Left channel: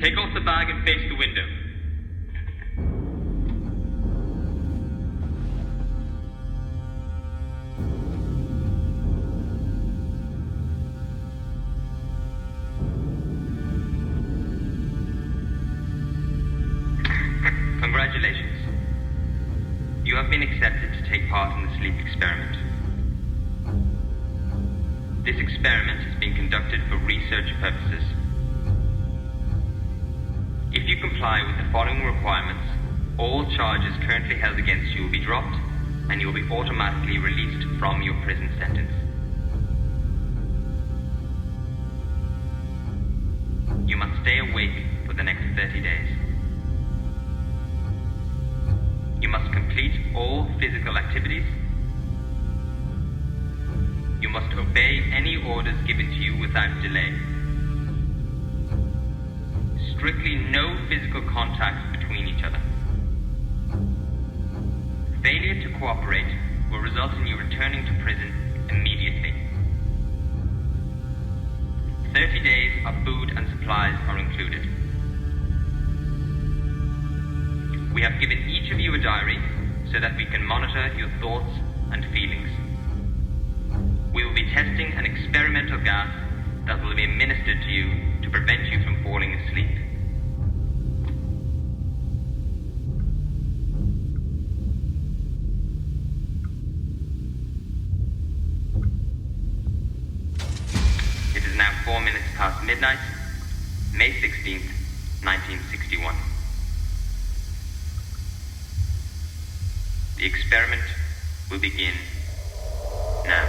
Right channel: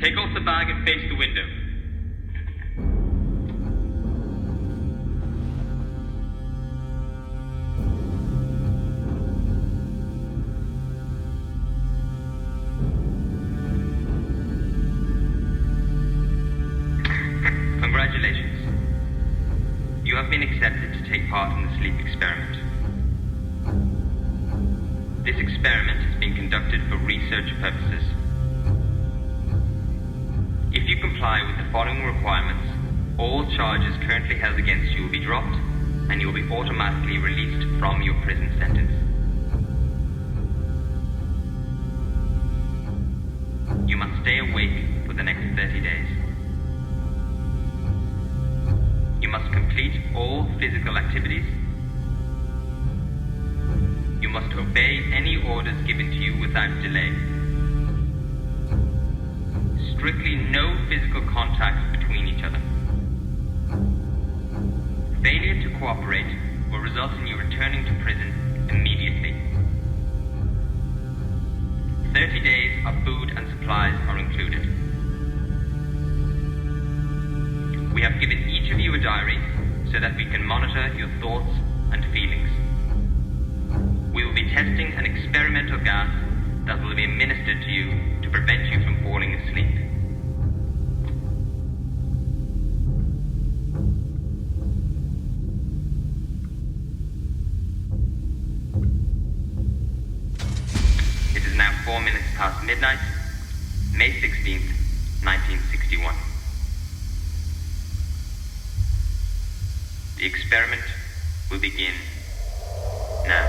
Take off the bag and face the window. Congratulations. You have been accepted to take part in the sleep experiment. This experiment is being conducted for research purposes. If you comply with the following requirements, all charges currently held against you will be dropped, and you will be automatically released from your prison sentence. You must stay awake for the next 30 days. You must complete all physical activities. You must obey any orders given to you without delay. Strictly no physical contact between each other. Failure to cooperate will result in you returning to prison immediately. 30 days of food and supplies are included. We have given each of you a diary so that we can monitor your thoughts and feelings. We will be testing an experimental gas that will be administered to you to prevent you from falling asleep. It is now 4 minutes past midnight, May 16th, 1961. The experiment will begin now.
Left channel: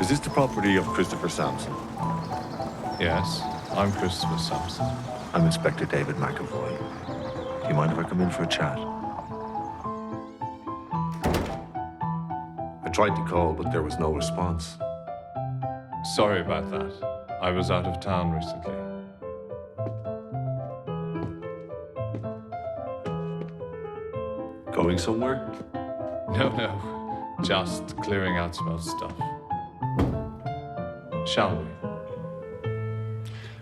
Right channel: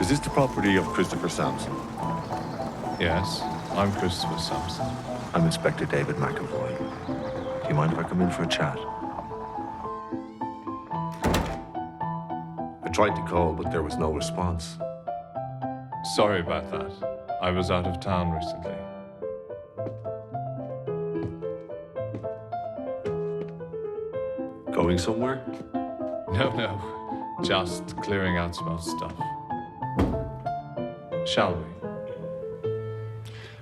Is this the property of Christopher Sampson? Yes, I'm Christopher Sampson. I'm Inspector David McAvoy. Do you mind if I come in for a chat? I tried to call, but there was no response. Sorry about that. I was out of town recently. Going somewhere? No. Just clearing out some old stuff. Shall we?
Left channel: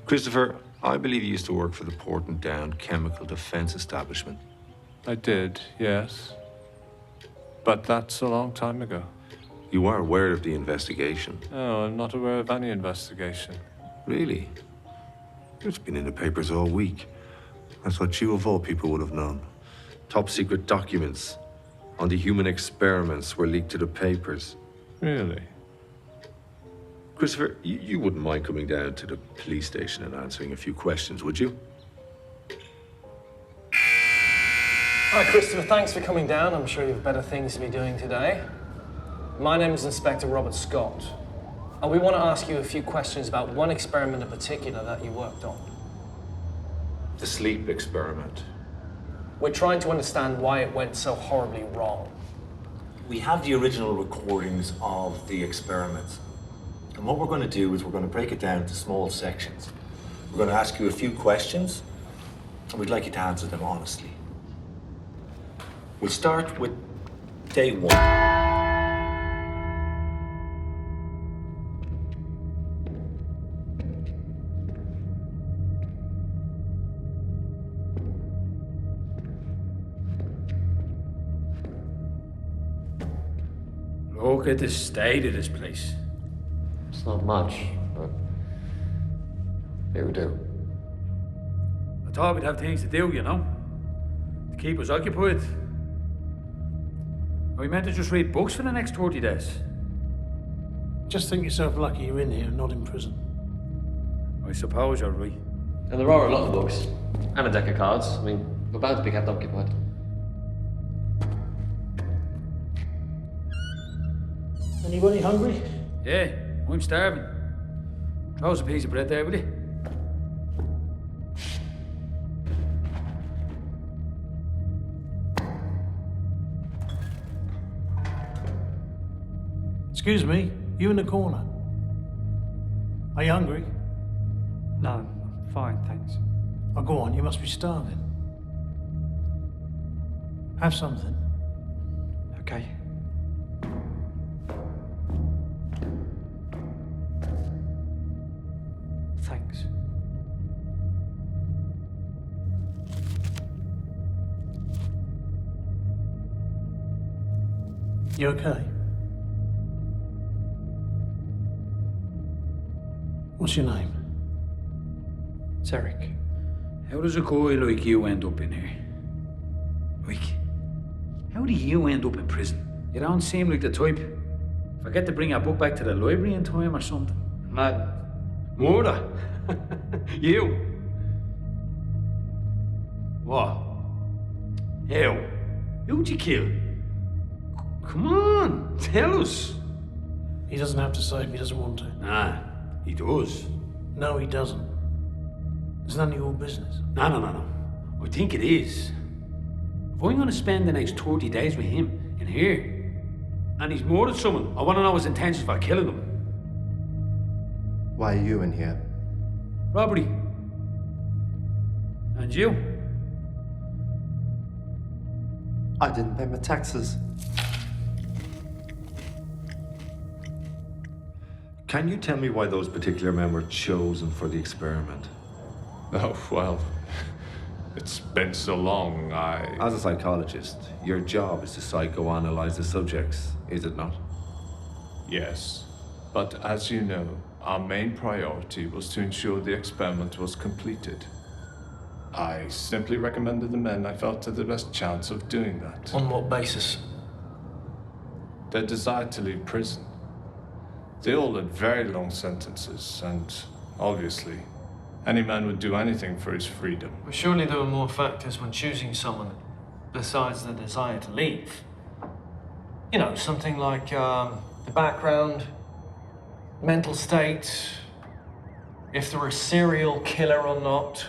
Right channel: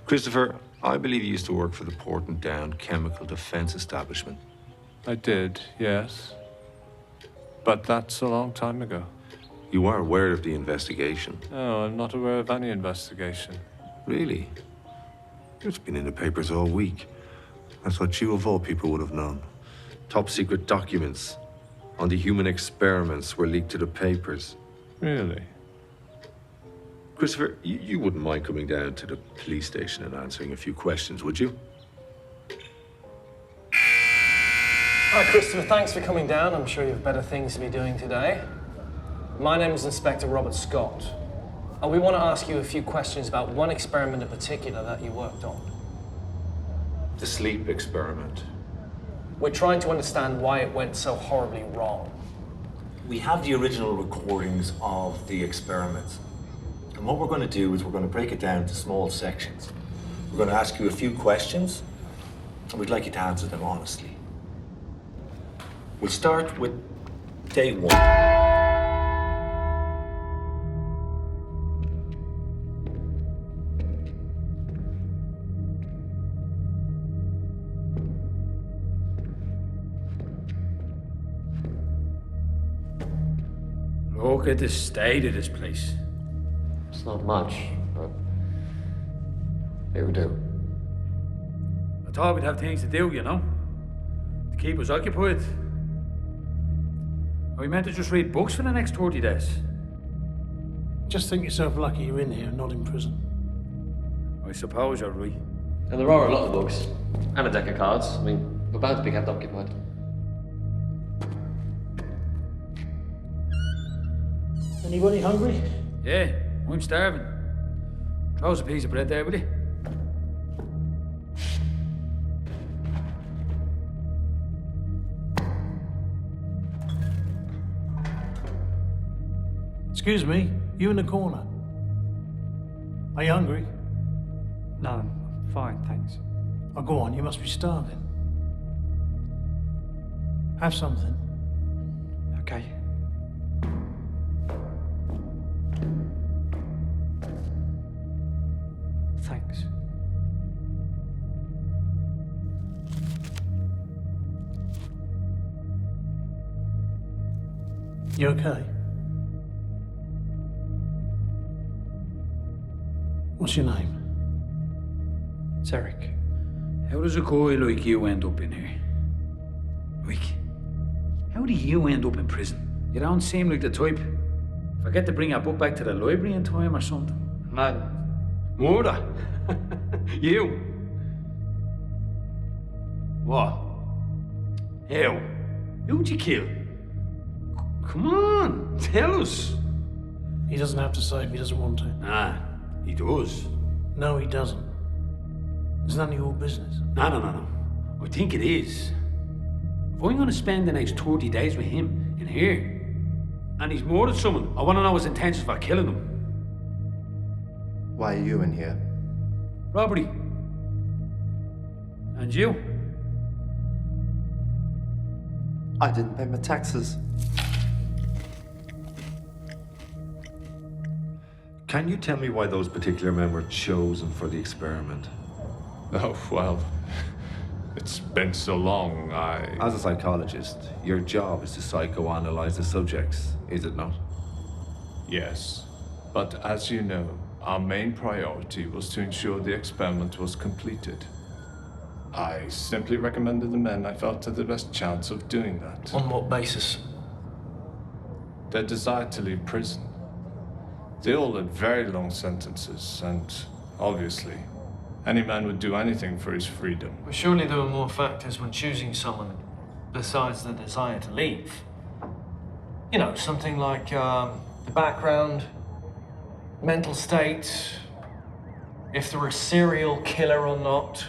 Christopher, I believe you used to work for the Porton Down chemical defense establishment. I did, yes. But that's a long time ago. You are aware of the investigation? No, I'm not aware of any investigation. Really? It's been in the papers all week. I thought you of all people would have known. Top secret documents on the human experiments were leaked to the papers. Really? Christopher, you wouldn't mind coming down to the police station and answering a few questions, would you? Hi, Christopher. Thanks for coming down. I'm sure you have better things to be doing today. My name is Inspector Robert Scott, and we want to ask you a few questions about one experiment in particular that you worked on. The sleep experiment. We're trying to understand why it went so horribly wrong. We have the original recordings of the experiments. And what we're going to do is we're going to break it down into small sections. We're going to ask you a few questions, and we'd like you to answer them honestly. We'll start with day one. Look at the state of this place. It's not much, but it would do. I thought we'd have things to do, you know? To keep us occupied. Are we meant to just read books for the next 30 days? Just think yourself lucky you're in here, not in prison. I suppose you're right. And there are a lot of books. And a deck of cards. I mean, we're bound to be kept occupied. Anybody hungry? Yeah, I'm starving. Throw us a piece of bread there, will you? Excuse me, you in the corner. Are you hungry? No, I'm fine, thanks. Oh, go on, you must be starving. Have something. Okay. Thanks. You okay? What's your name? It's Eric. How does a guy like you end up in here? Like, how do you end up in prison? You don't seem like the type. Forget to bring your book back to the library in time or something. Mad. Murder? You? What? How? Who'd you kill? Come on, tell us. He doesn't have to say if he doesn't want to. Nah, he does. No, he doesn't. It's none of your business. No. I think it is. If I'm gonna spend the next 30 days with him in here, and he's murdered someone, I wanna know his intentions for killing them. Why are you in here? Robbery. And you? I didn't pay my taxes. Can you tell me why those particular men were chosen for the experiment? Oh, well, it's been so long, As a psychologist, your job is to psychoanalyze the subjects, is it not? Yes. But as you know, our main priority was to ensure the experiment was completed. I simply recommended the men I felt had the best chance of doing that. On what basis? Their desire to leave prison. They all had very long sentences, and obviously, any man would do anything for his freedom. But surely there were more factors when choosing someone besides the desire to leave. You know, something like the background, mental state, if they're a serial killer or not.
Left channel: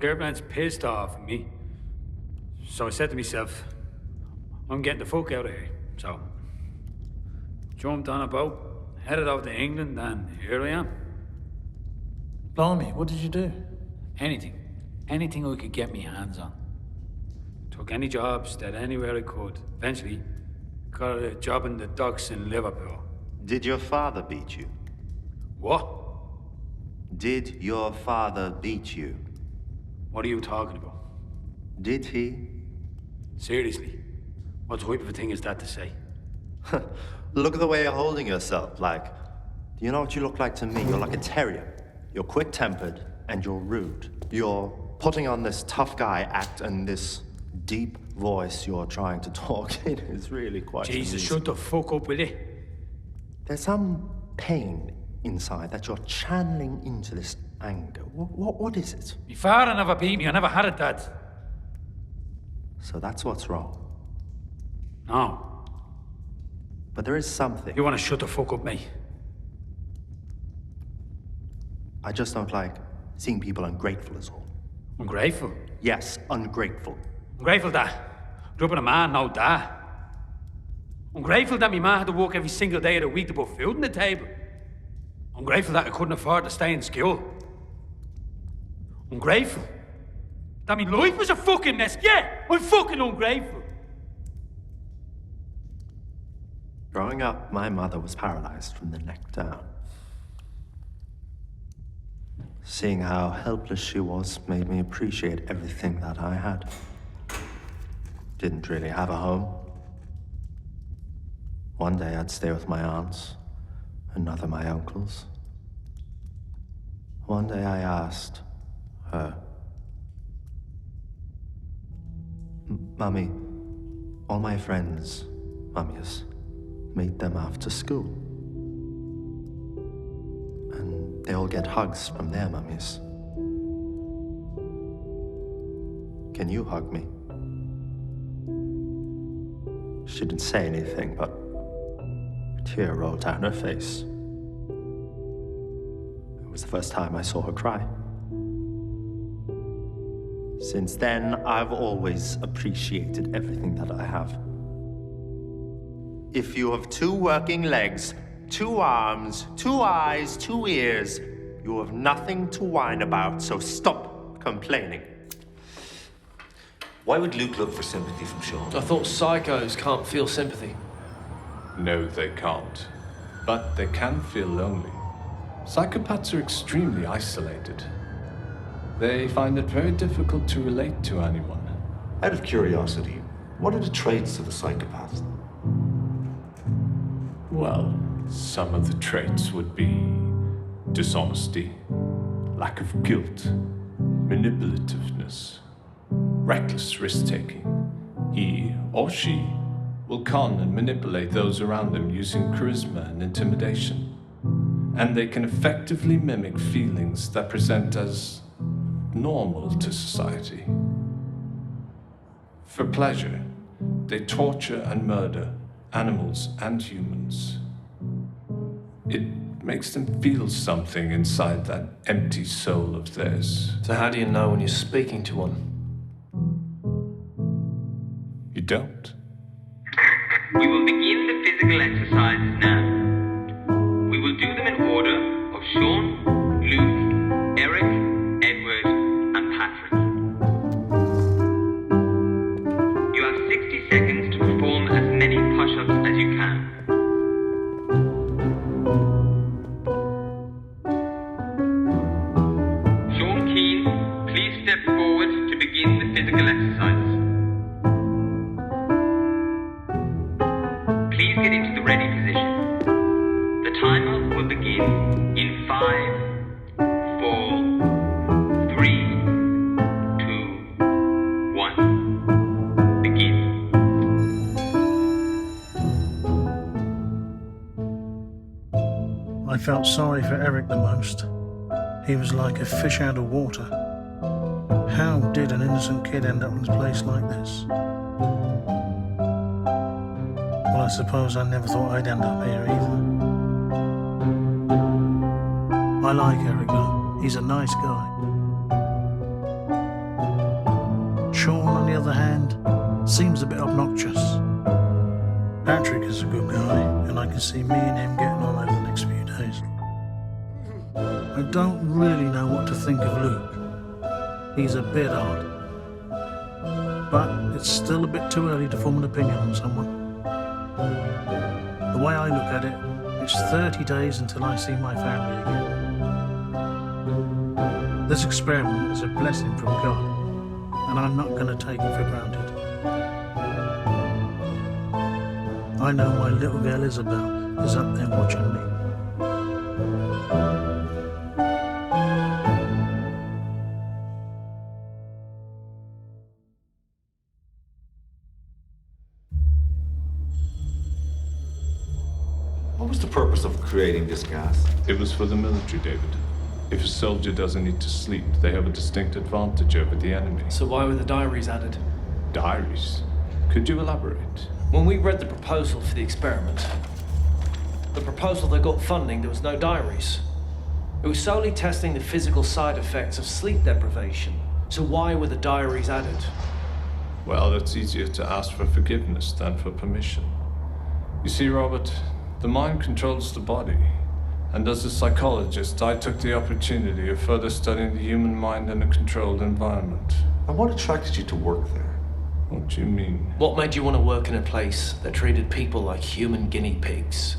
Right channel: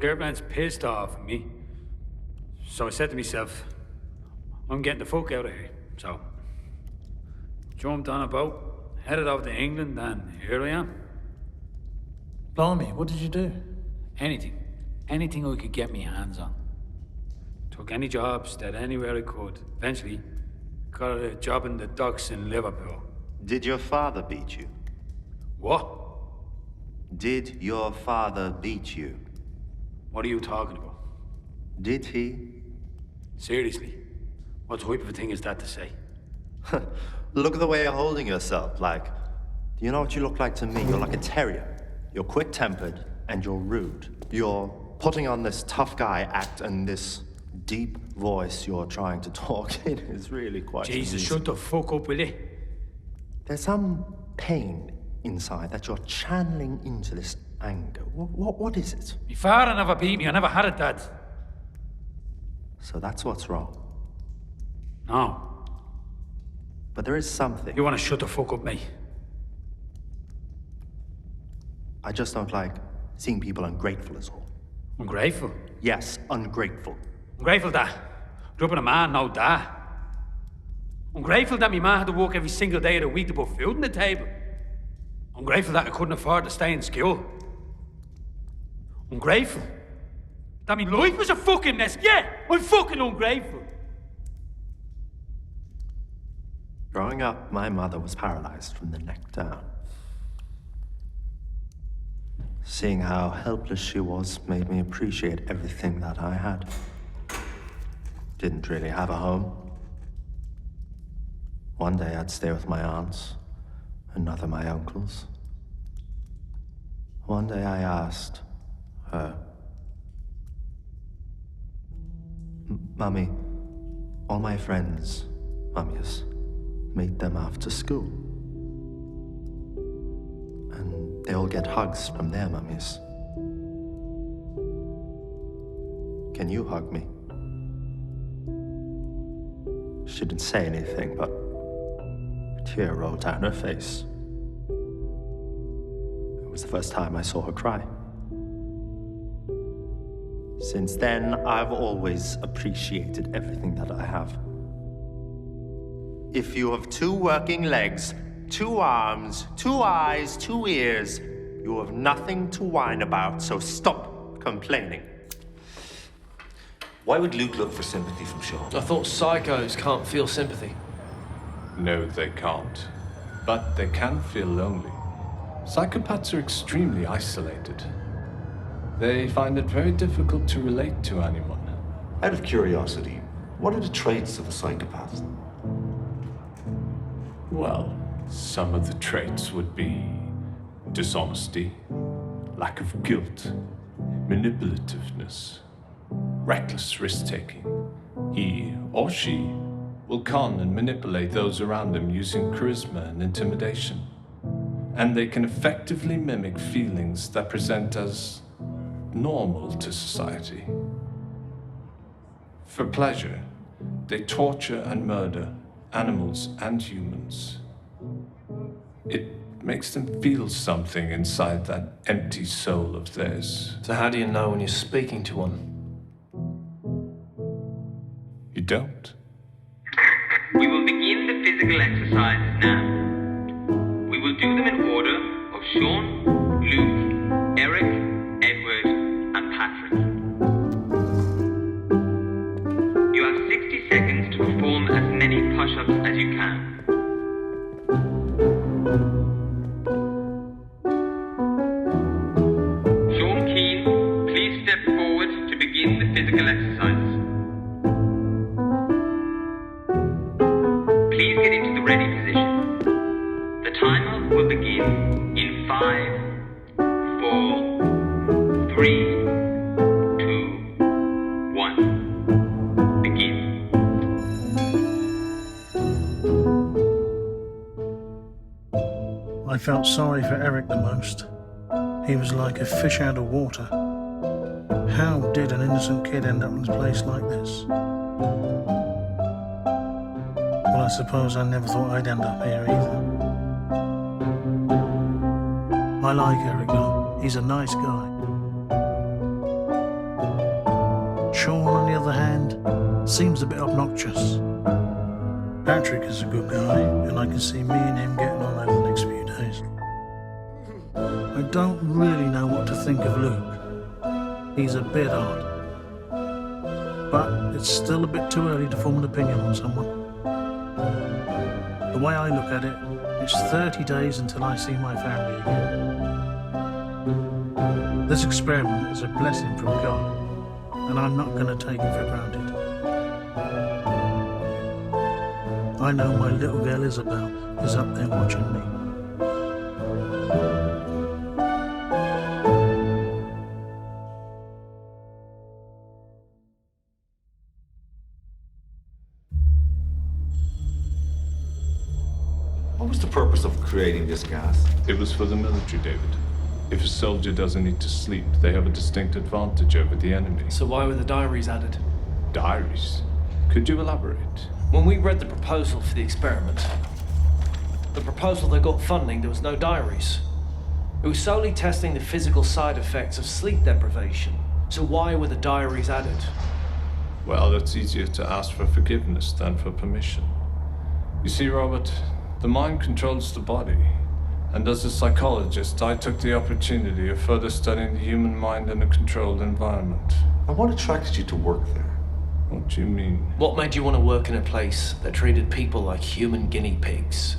Girlfriend's pissed off at me. So I said to myself, I'm getting the fuck out of here. So, jumped on a boat, headed over to England, and here I am. Blimey, what did you do? Anything. Anything I could get my hands on. Took any jobs that anywhere I could. Eventually, got a job in the docks in Liverpool. Did your father beat you? What? Did your father beat you? What are you talking about? Did he? Seriously, what type of a thing is that to say? Look at the way you're holding yourself. Like, do you know what you look like to me? You're like a terrier. You're quick-tempered and you're rude. You're putting on this tough guy act and this deep voice you're trying to talk in is really quite Jesus, amusing. shut the fuck up, will you? There's some pain inside that you're channeling into this anger. What is it? My father never beat me. I never had it, Dad. So that's what's wrong. No. But there is something. You want to shut the fuck up, mate? I just don't like seeing people ungrateful is all. Ungrateful? Yes, ungrateful. Ungrateful that grew up with a man, no dad. Ungrateful that my man had to work every single day of the week to put food on the table. Ungrateful that I couldn't afford to stay in school. Ungrateful that my life was a fucking mess. Yeah, I'm fucking ungrateful. Growing up, my mother was paralyzed from the neck down. Seeing how helpless she was made me appreciate everything that I had. Didn't really have a home. One day I'd stay with my aunts, another my uncles. One day I asked her, Mummy, all my friends, mummies, meet them after school. And they all get hugs from their mummies. Can you hug me? She didn't say anything, but a tear rolled down her face. It was the first time I saw her cry. Since then, I've always appreciated everything that I have. If you have 2 working legs, 2 arms, 2 eyes, 2 ears, you have nothing to whine about, so stop complaining. Why would Luke look for sympathy from Sean? I thought psychos can't feel sympathy. No, they can't. But they can feel lonely. Psychopaths are extremely isolated. They find it very difficult to relate to anyone. Out of curiosity, what are the traits of a psychopath? Well, some of the traits would be dishonesty, lack of guilt, manipulativeness, reckless risk-taking. He or she will con and manipulate those around them using charisma and intimidation. And they can effectively mimic feelings that present as normal to society. For pleasure, they torture and murder animals and humans. It makes them feel something inside that empty soul of theirs. So how do you know when you're speaking to one? You don't. We will begin the physical exercises now. We will do them in order of Sean, Luke, Eric, Edward, and Patrick. You have 60 seconds to perform as many push-ups as you can. Sean Keane, please step forward to begin the physical exercises. Please get into the ready position. The timer will begin in 5, 4, 3, 2, 1. Begin. I felt sorry for Eric the most. He was like a fish out of water. How did an innocent kid end up in a place like this? Well, I suppose I never thought I'd end up here either. I like Eric though. He's a nice guy. Sean, on the other hand, seems a bit obnoxious. Patrick is a good guy, and I can see me and him getting on over the next few days. I don't really know what to think of Luke. He's a bit odd. But it's still a bit too early to form an opinion on someone. The way I look at it, it's 30 days until I see my family again. This experiment is a blessing from God, and I'm not going to take it for granted. I know my little girl Isabel is up there watching me. What was the purpose of creating this gas? It was for the military, David. If a soldier doesn't need to sleep, they have a distinct advantage over the enemy. So why were the diaries added? Diaries? Could you elaborate? When we read the proposal for the experiment, the proposal that got funding, there was no diaries. It was solely testing the physical side effects of sleep deprivation. So why were the diaries added? Well, it's easier to ask for forgiveness than for permission. You see, Robert, the mind controls the body. And as a psychologist, I took the opportunity of further studying the human mind in a controlled environment. And what attracted you to work there? What do you mean? What made you want to work in a place that treated people like human guinea pigs?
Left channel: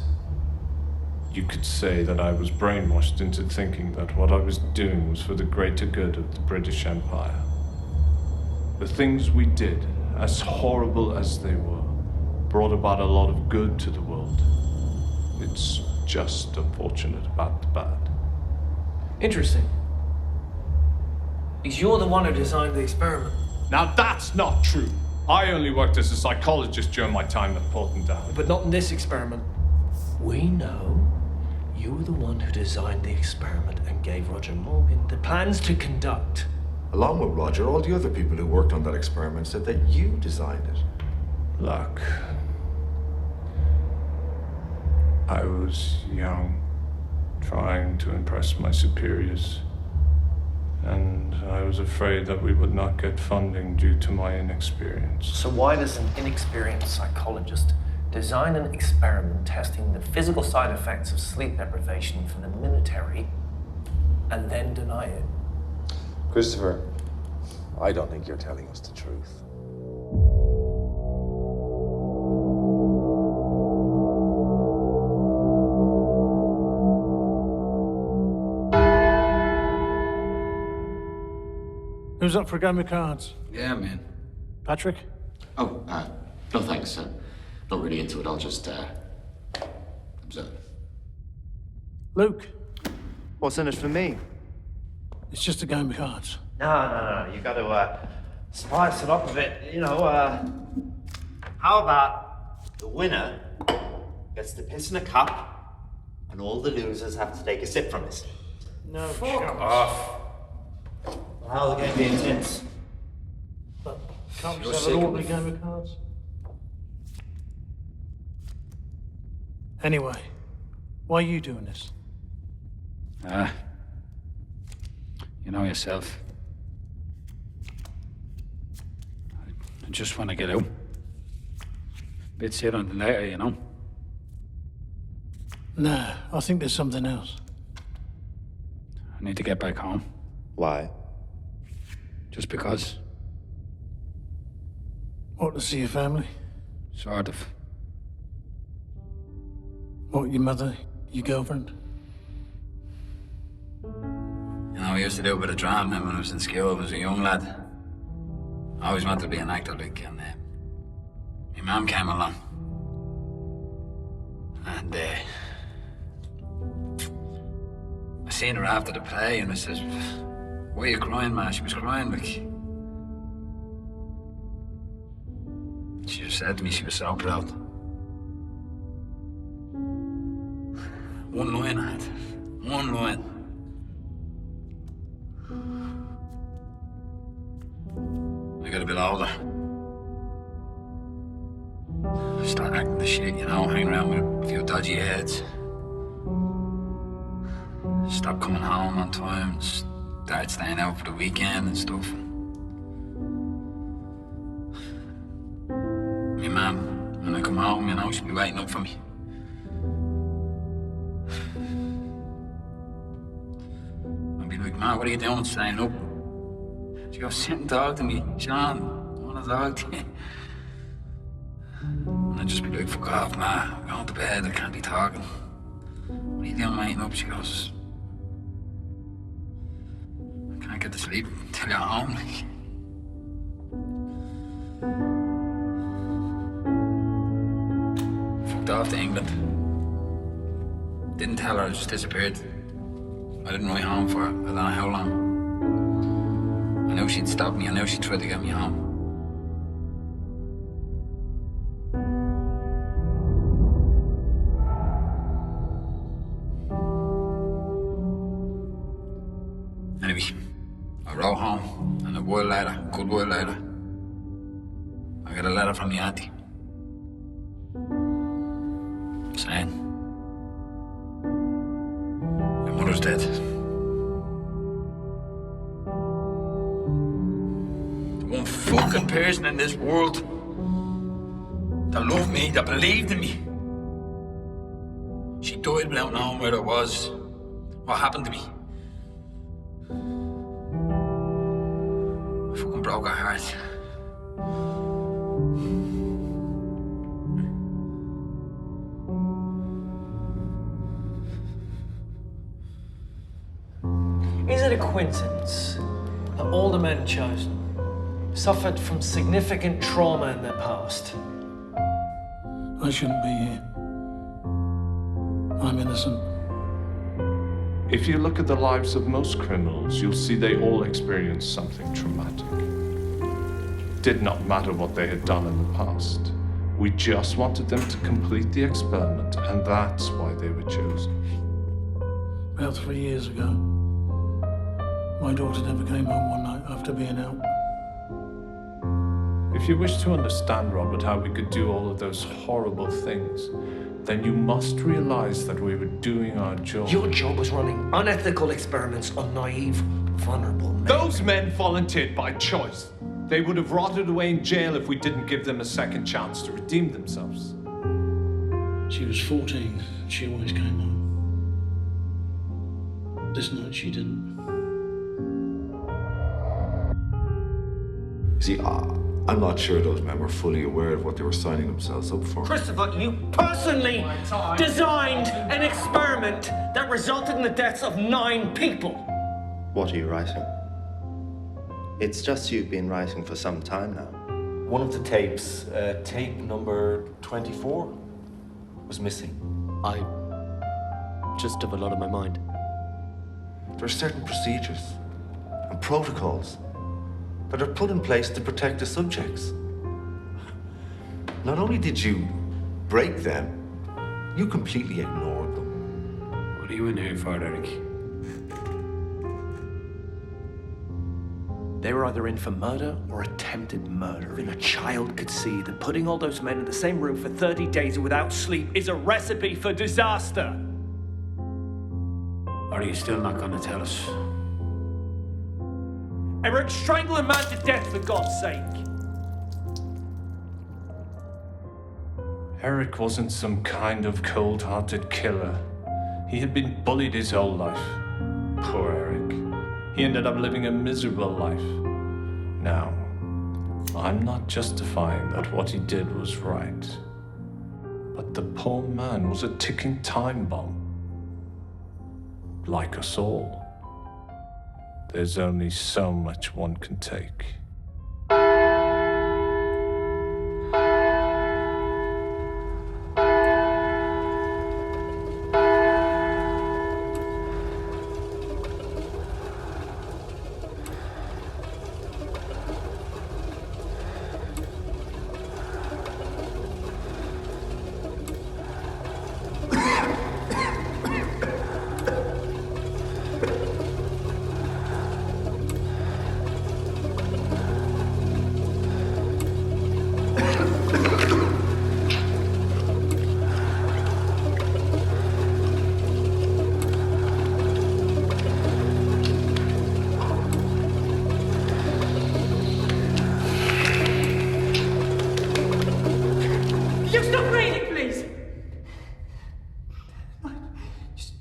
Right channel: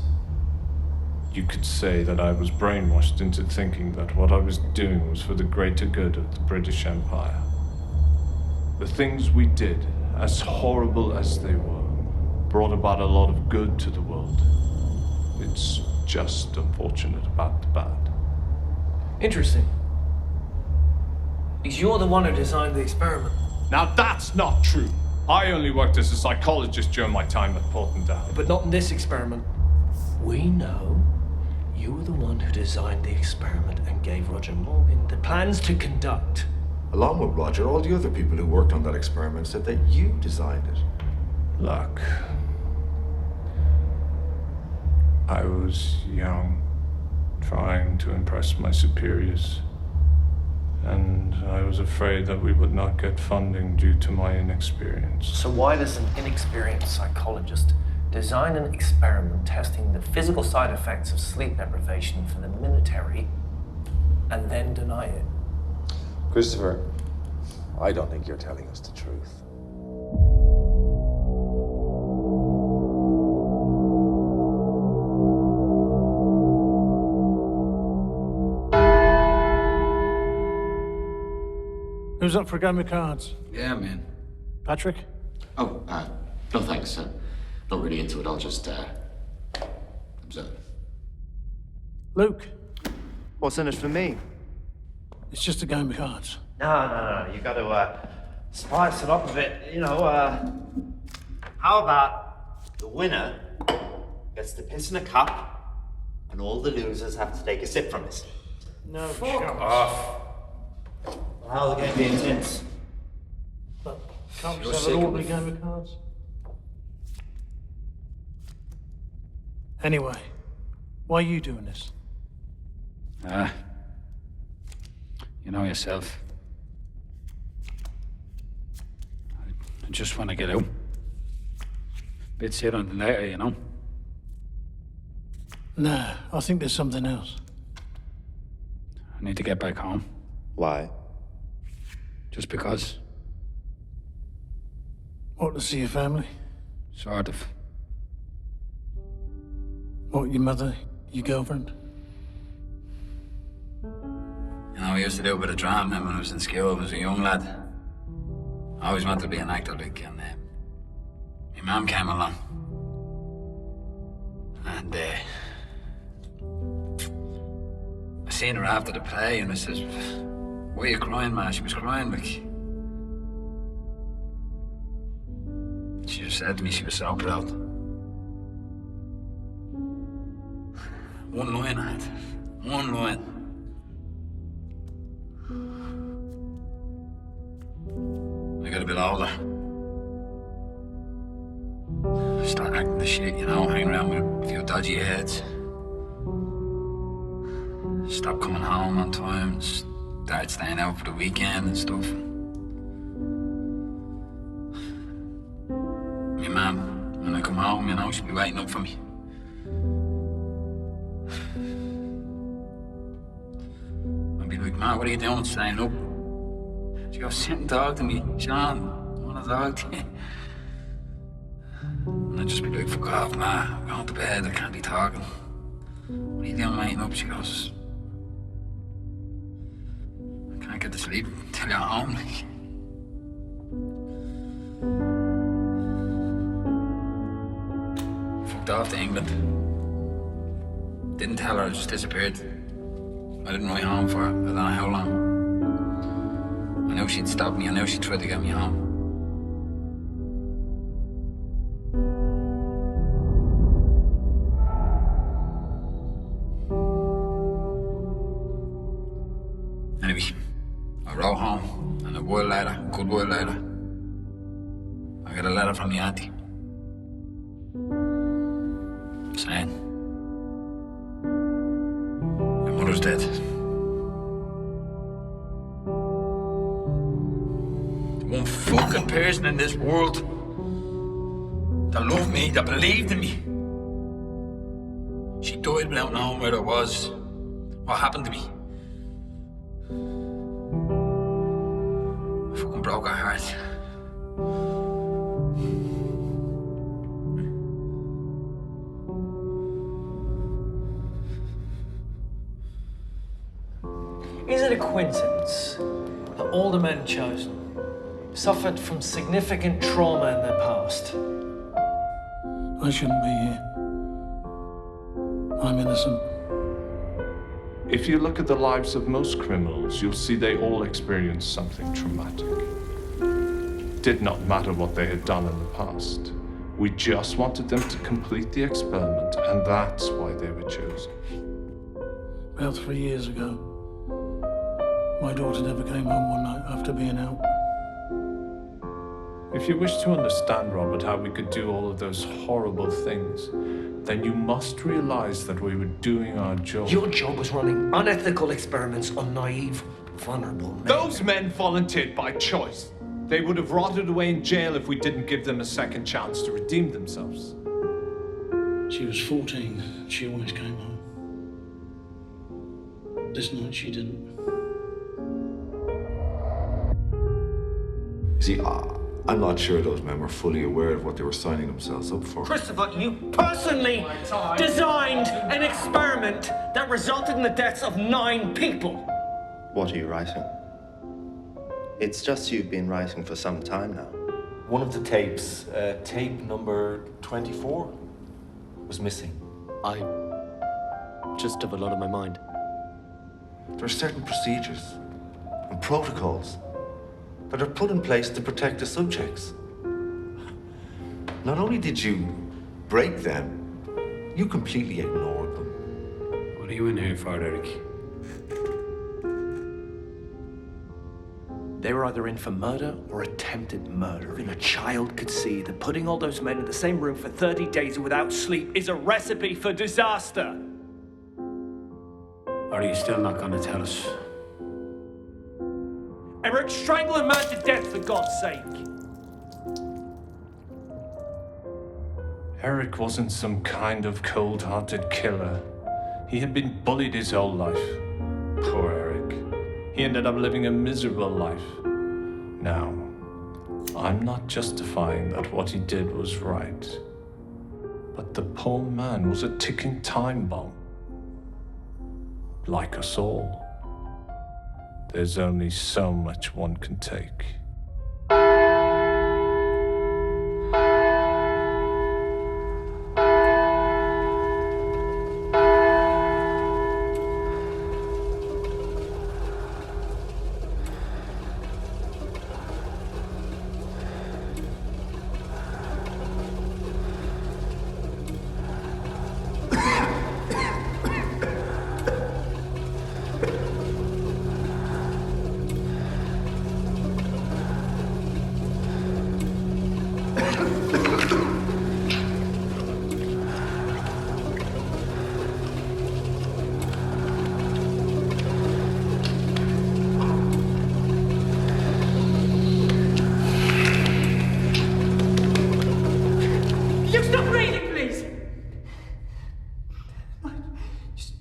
You could say that I was brainwashed into thinking that what I was doing was for the greater good of the British Empire. The things we did, as horrible as they were, brought about a lot of good to the world. It's just unfortunate about the bad. Interesting. Because you're the one who designed the experiment. Now that's not true. I only worked as a psychologist during my time at Porton Down. But not in this experiment. We know you were the one who designed the experiment and gave Roger Morgan the plans to conduct. Along with Roger, all the other people who worked on that experiment said that you designed it. Look, I was young, trying to impress my superiors, and I was afraid that we would not get funding due to my inexperience. So why does an inexperienced psychologist design an experiment testing the physical side effects of sleep deprivation for the military and then deny it? Christopher, I don't think you're telling us the truth. Who's up for a game of cards? Yeah, man. Patrick? Oh, no thanks. Not really into it. I'll just observe. Luke? What's in it for me? It's just a game of cards. No. You got to spice it up a bit. You know, how about the winner gets to piss in a cup and all the losers have to take a sip from it? No, Fuck off. How's the game be intense? But can't we You're just have an sick of ordinary it. game of cards? Anyway, why are you doing this? You know yourself. I just want to get out. Bit sit on the later, you know. Nah, I think there's something else. I need to get back home. Why? Just because. What, to see your family? Sort of. What, your mother? Your girlfriend? You know, I used to do a bit of drama when I was in school. I was a young lad. I always wanted to be an actor, like, and my mum came along. And I seen her after the play, and I says, "Why are you crying, ma?" She was crying, like. She just said to me she was so proud. One line I had. One line. I got a bit older. I started acting the shit, you know, hanging around with a few dodgy heads. Stopped coming home on time, started staying out for the weekend and stuff. My mum, when I come home, you know, she'd be waiting up for me. I'd be like, "Ma, what are you doing staying up?" She goes, "Sit and talk to me, Sean. I want to talk to you." And I'd just be like, "Fuck off, Ma. I'm going to bed. I can't be talking." "What are you doing waiting up?" She goes, "I can't get to sleep until you're home." Fucked off to England. Didn't tell her, I just disappeared. I didn't write home for her. I don't know how long. I knew she'd stop me. I knew she'd try to get me home. Anyway, I wrote home, and a while later, a good while later, I got a letter from my auntie saying, "Your mother's dead." The one fucking person in this world that loved me, that believed in me. She died without knowing where I was, what happened to me. I fucking broke her heart. coincidence that all the men chosen suffered from significant trauma in their past? I shouldn't be here. I'm innocent. If you look at the lives of most criminals, you'll see they all experienced something traumatic. Did not matter what they had done in the past. We just wanted them to complete the experiment, and that's why they were chosen. About 3 years ago, my daughter never came home one night after being out. If you wish to understand, Robert, how we could do all of those horrible things, then you must realize that we were doing our job. Your job was running unethical experiments on naive, vulnerable men. Those men volunteered by choice. They would have rotted away in jail if we didn't give them a second chance to redeem themselves. She was 14. She always came home. This night she didn't. You see, I'm not sure those men were fully aware of what they were signing themselves up for. Christopher, you personally designed an experiment that resulted in the deaths of 9 people. What are you writing? It's just you've been writing for some time now. One of the tapes, tape number 24, was missing. I just have a lot on my mind. There are certain procedures and protocols that are put in place to protect the subjects. Not only did you break them, you completely ignored them. What are you in here for, Eric? They were either in for murder or attempted murder. And a child could see that putting all those men in the same room for 30 days without sleep is a recipe for disaster. Or are you still not going to tell us? Eric, strangle a man to death for God's sake. Eric wasn't some kind of cold-hearted killer. He had been bullied his whole life. Poor Eric. He ended up living a miserable life. Now, I'm not justifying that what he did was right. But the poor man was a ticking time bomb. Like us all. There's only so much one can take. You stop breathing, please!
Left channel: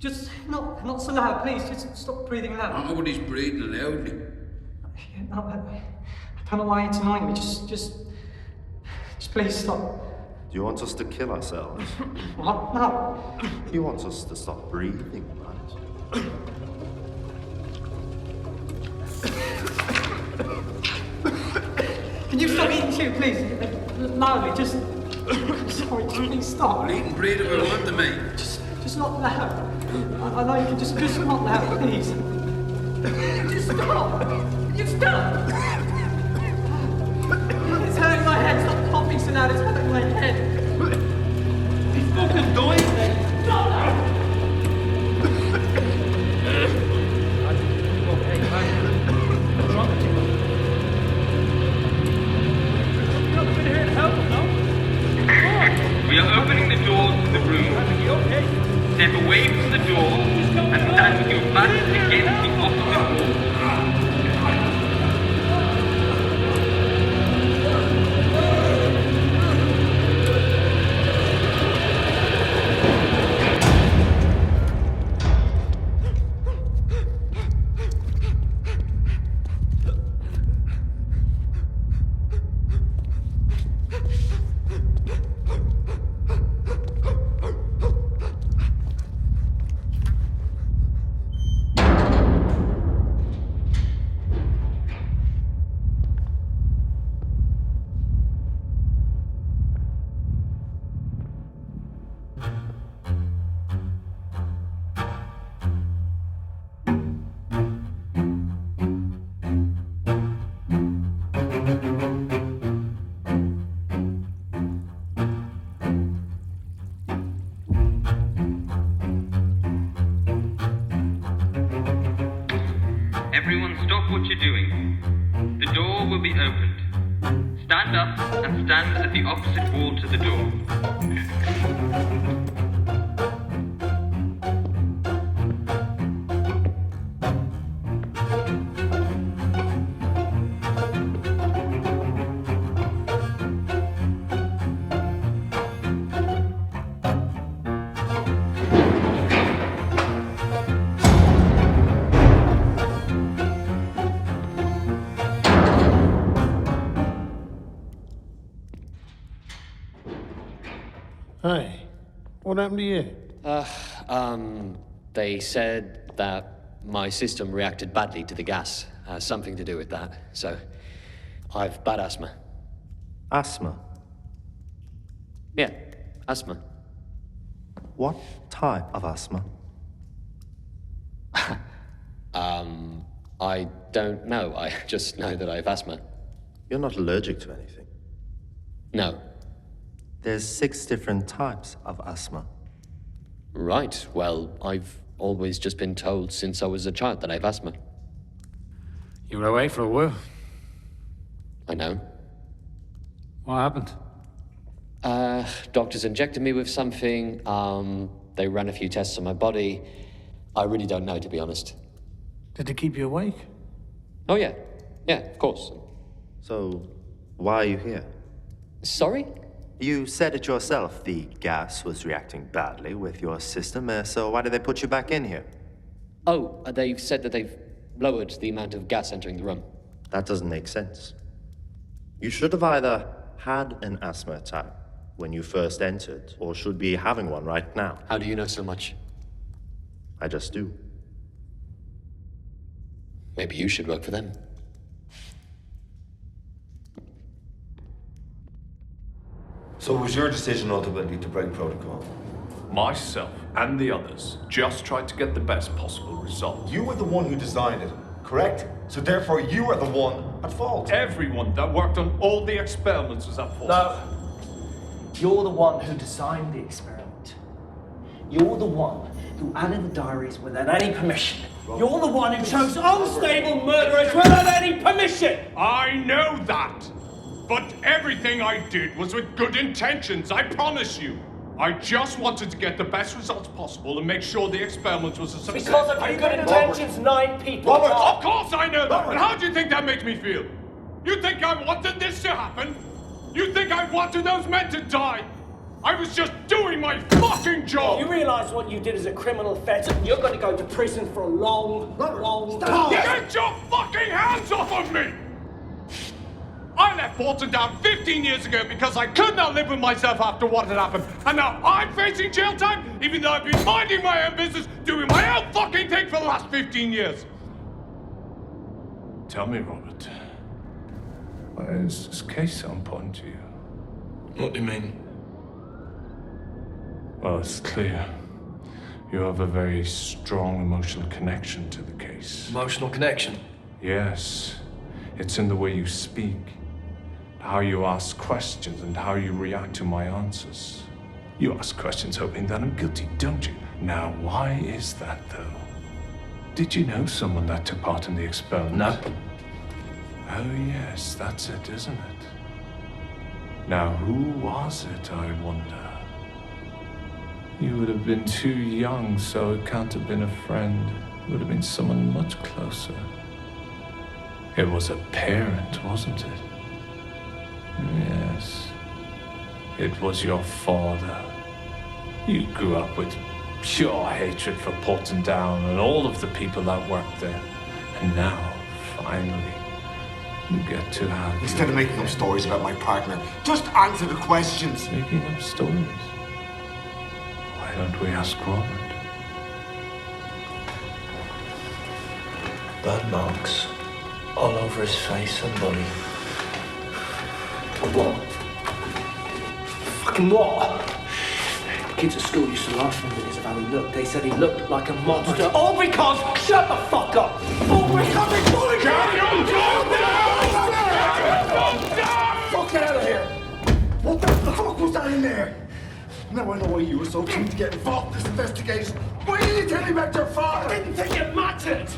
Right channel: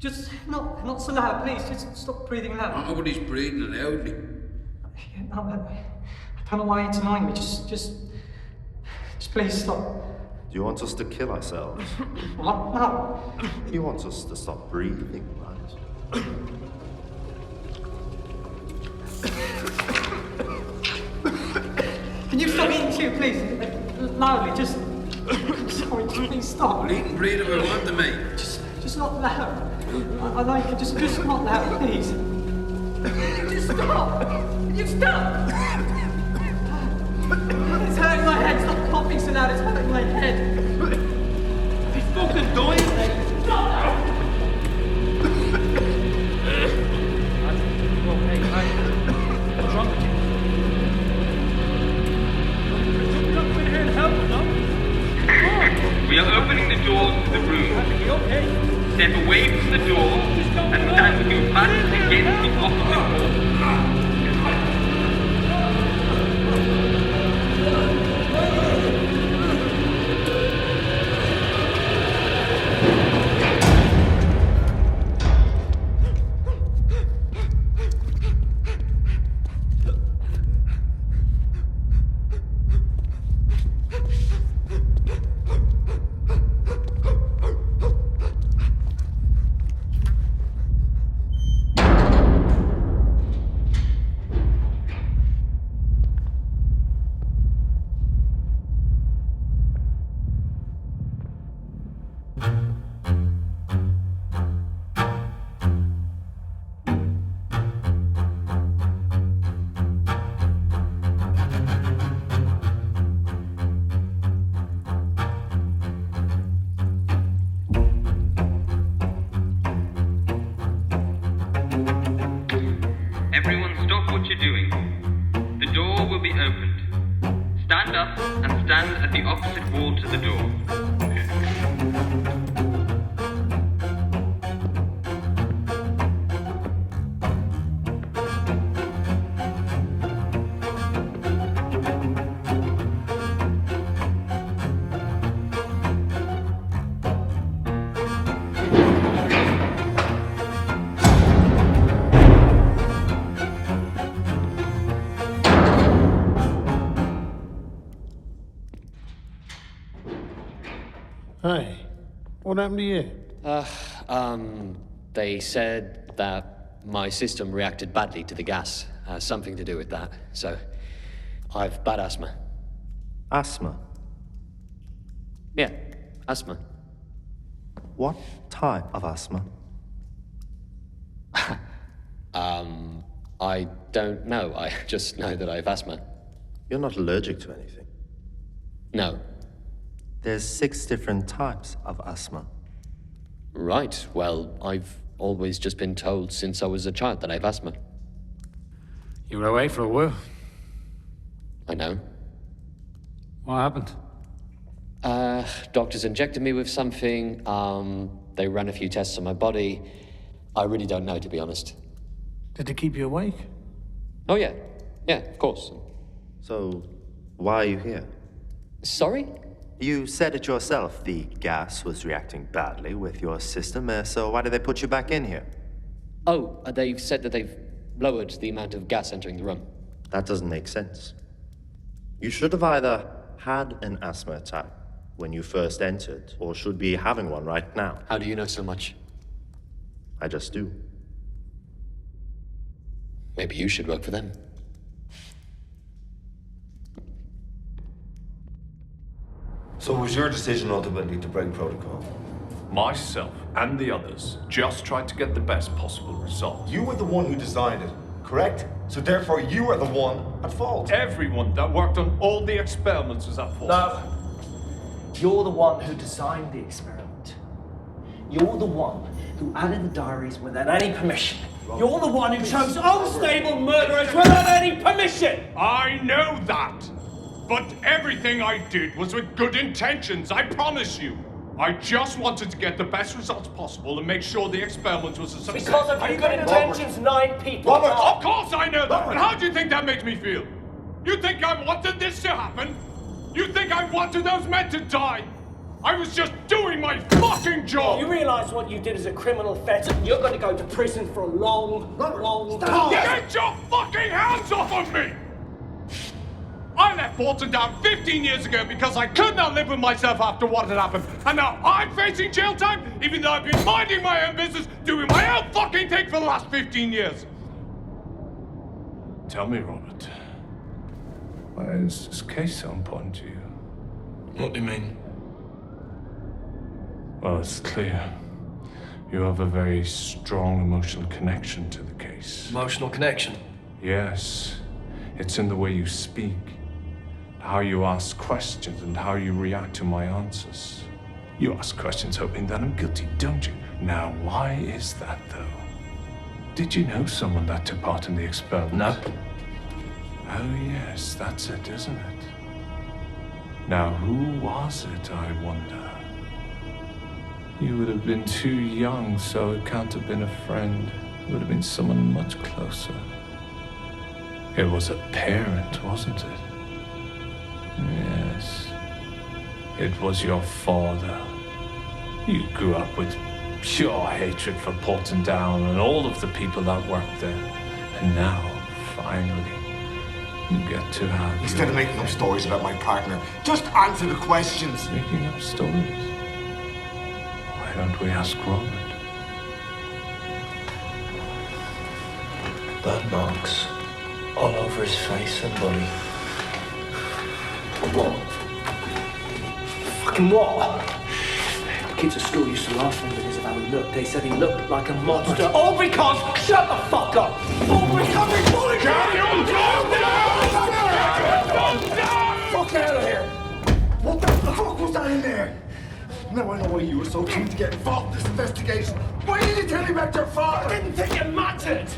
Just not so loud, please. Just stop breathing loud. Nobody's breathing loudly. Yeah, no, I don't know why it's annoying me. Just please stop. Do you want us to kill ourselves? What? No. You want us to stop breathing, right? Can you stop eating too, please? Loudly, just... Sorry, just please stop. I'll eat and breathe if I want to, mate. Just not loud. I know you can just not loud, please. Just stop! Can you stop? It's hurting my head. Stop coughing so loud. It's hurting my head. Be fucking dying, mate. Stop! Hey, what's wrong with you? Something up in here and help him, no? We are opening the doors to the room. Okay. Step away from the door and stand with your back against the opposite wall. Everyone stop what you're doing. The door will be opened. Stand up and stand at the opposite wall to the door. Hey, what happened to you? They said that my system reacted badly to the gas. Something to do with that. So, I've bad asthma. Asthma? Yeah, asthma. What type of asthma? I don't know. I just know that I have asthma. You're not allergic to anything. No. There's 6 different types of asthma. Right. Well, I've always just been told since I was a child that I have asthma. You were away for a while. I know. What happened? Doctors injected me with something. They ran a few tests on my body. I really don't know, to be honest. Did it keep you awake? Oh, yeah. Yeah, of course. So, why are you here? Sorry? You said it yourself, the gas was reacting badly with your system, so why did they put you back in here? Oh, they've said that they've lowered the amount of gas entering the room. That doesn't make sense. You should have either had an asthma attack when you first entered, or should be having one right now. How do you know so much? I just do. Maybe you should work for them. So it was your decision ultimately to break protocol? Myself and the others just tried to get the best possible result. You were the one who designed it, correct? So therefore you are the one at fault. Everyone that worked on all the experiments was at fault. No. You're the one who designed the experiment. You're the one who added the diaries without any permission. You're the one who chose unstable murderers without any permission! I know that! But everything I did was with good intentions, I promise you. I just wanted to get the best results possible and make sure the experiment was a success. Because of your good intentions, 9 people Robert, died. of course I know that! And how do you think that makes me feel? You think I wanted this to happen? You think I wanted those men to die? I was just doing my fucking job! You realise what you did as a criminal offence, and you're going to go to prison for a long time. Get your fucking hands off of me! I left Porton Down 15 years ago because I could not live with myself after what had happened. And now I'm facing jail time, even though I've been minding my own business, doing my own fucking thing for the last 15 years. Tell me, Robert, why is this case so important to you? What do you mean? Well, it's clear. You have a very strong emotional connection to the case. Emotional connection? Yes. It's in the way you speak, how you ask questions, and how you react to my answers. You ask questions hoping that I'm guilty, don't you? Now, why is that, though? Did you know someone that took part in the experiment? No. Oh, yes, that's it, isn't it? Now, who was it, I wonder? You would have been too young, so it can't have been a friend. It would have been someone much closer. It was a parent, wasn't it? Yes. It was your father. You grew up with pure hatred for Porton Down and all of the people that worked there. And now, finally, you get to have Instead of making up stories about my partner, just answer the questions. Making up stories? Why don't we ask Robert? Burn marks all over his face and body. What? Fucking what? Kids at school used to laugh at him because of how he looked. They said he looked like a monster. All because... Shut the fuck up! All because... fuck out of here! What the fuck was that in there? Now I know why you were so keen to get involved in this investigation. Why didn't you tell me about your father? I didn't think it mattered!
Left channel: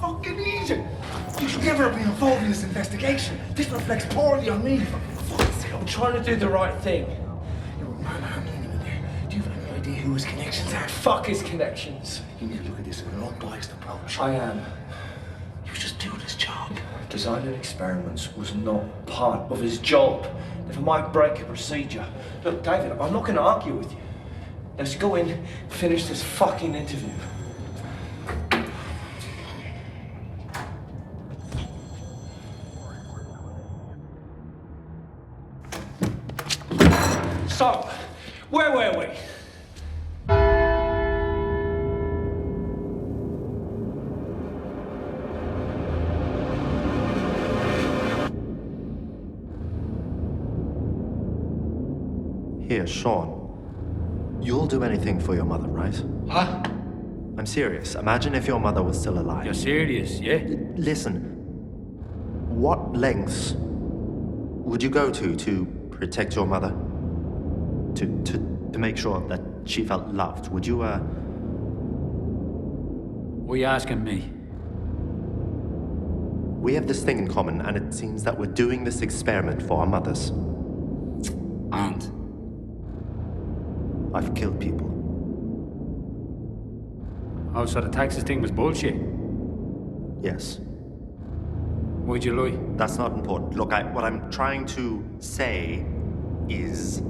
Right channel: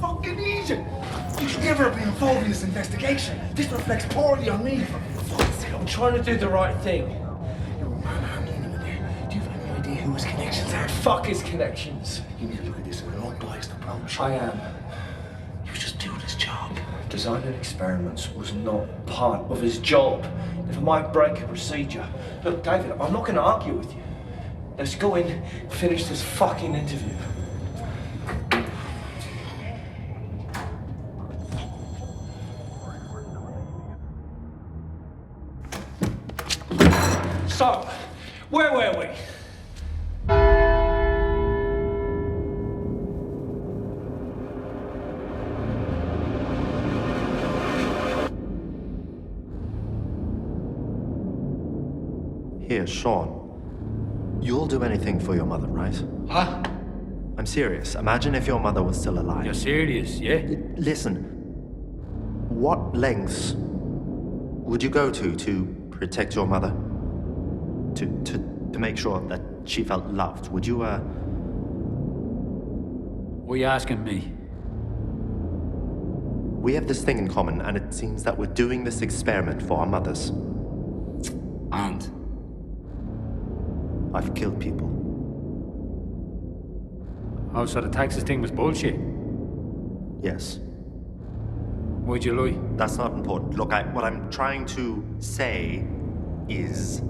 Fucking easy! You should never have been involved in this investigation. This reflects poorly on me. For fuck's sake. I'm trying to do the right thing. You were manhandling him in there. Do you have any idea who his connections are? Fuck his connections. You need to look at this in an unbiased approach. I am. He was just doing his job. Designing experiments was not part of his job. If I might break a procedure. Look, David, I'm not going to argue with you. Let's go in, finish this fucking interview. So, where were we? Here, Sean. You'll do anything for your mother, right? Huh? I'm serious. Imagine if your mother was still alive. You're serious, yeah? Listen. What lengths would you go to protect your mother? To make sure that she felt loved? Would you, What are you asking me? We have this thing in common, and it seems that we're doing this experiment for our mothers. And? I've killed people. Oh, so the taxes thing was bullshit? Yes. Why'd you lie? That's not important. Look, what I'm trying to say is...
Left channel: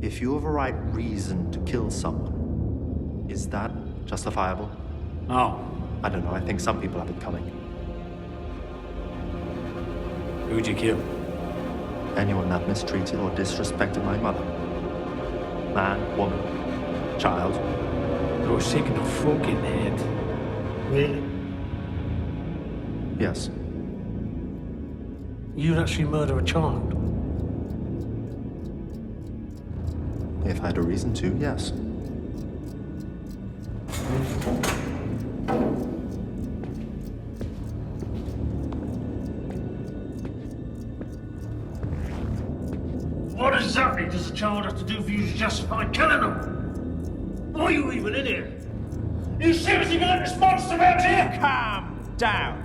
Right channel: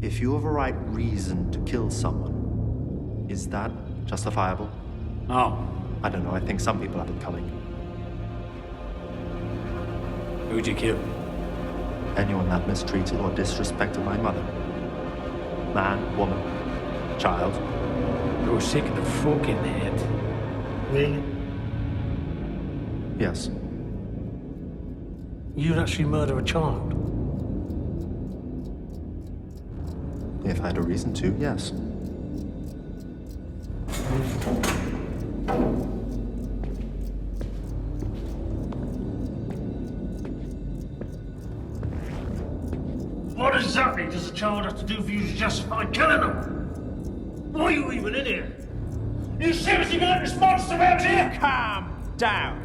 if you have a right reason to kill someone, is that justifiable? No. I don't know. I think some people have it coming. Who'd you kill? Anyone that mistreated or disrespected my mother. Man, woman, child. You're sick in the fucking head. Really? Yes. You'd actually murder a child? If I had a reason to, yes. What exactly does a child have to do for you to justify killing them? Why are you even in here? You seriously gonna let this monster out here? Calm down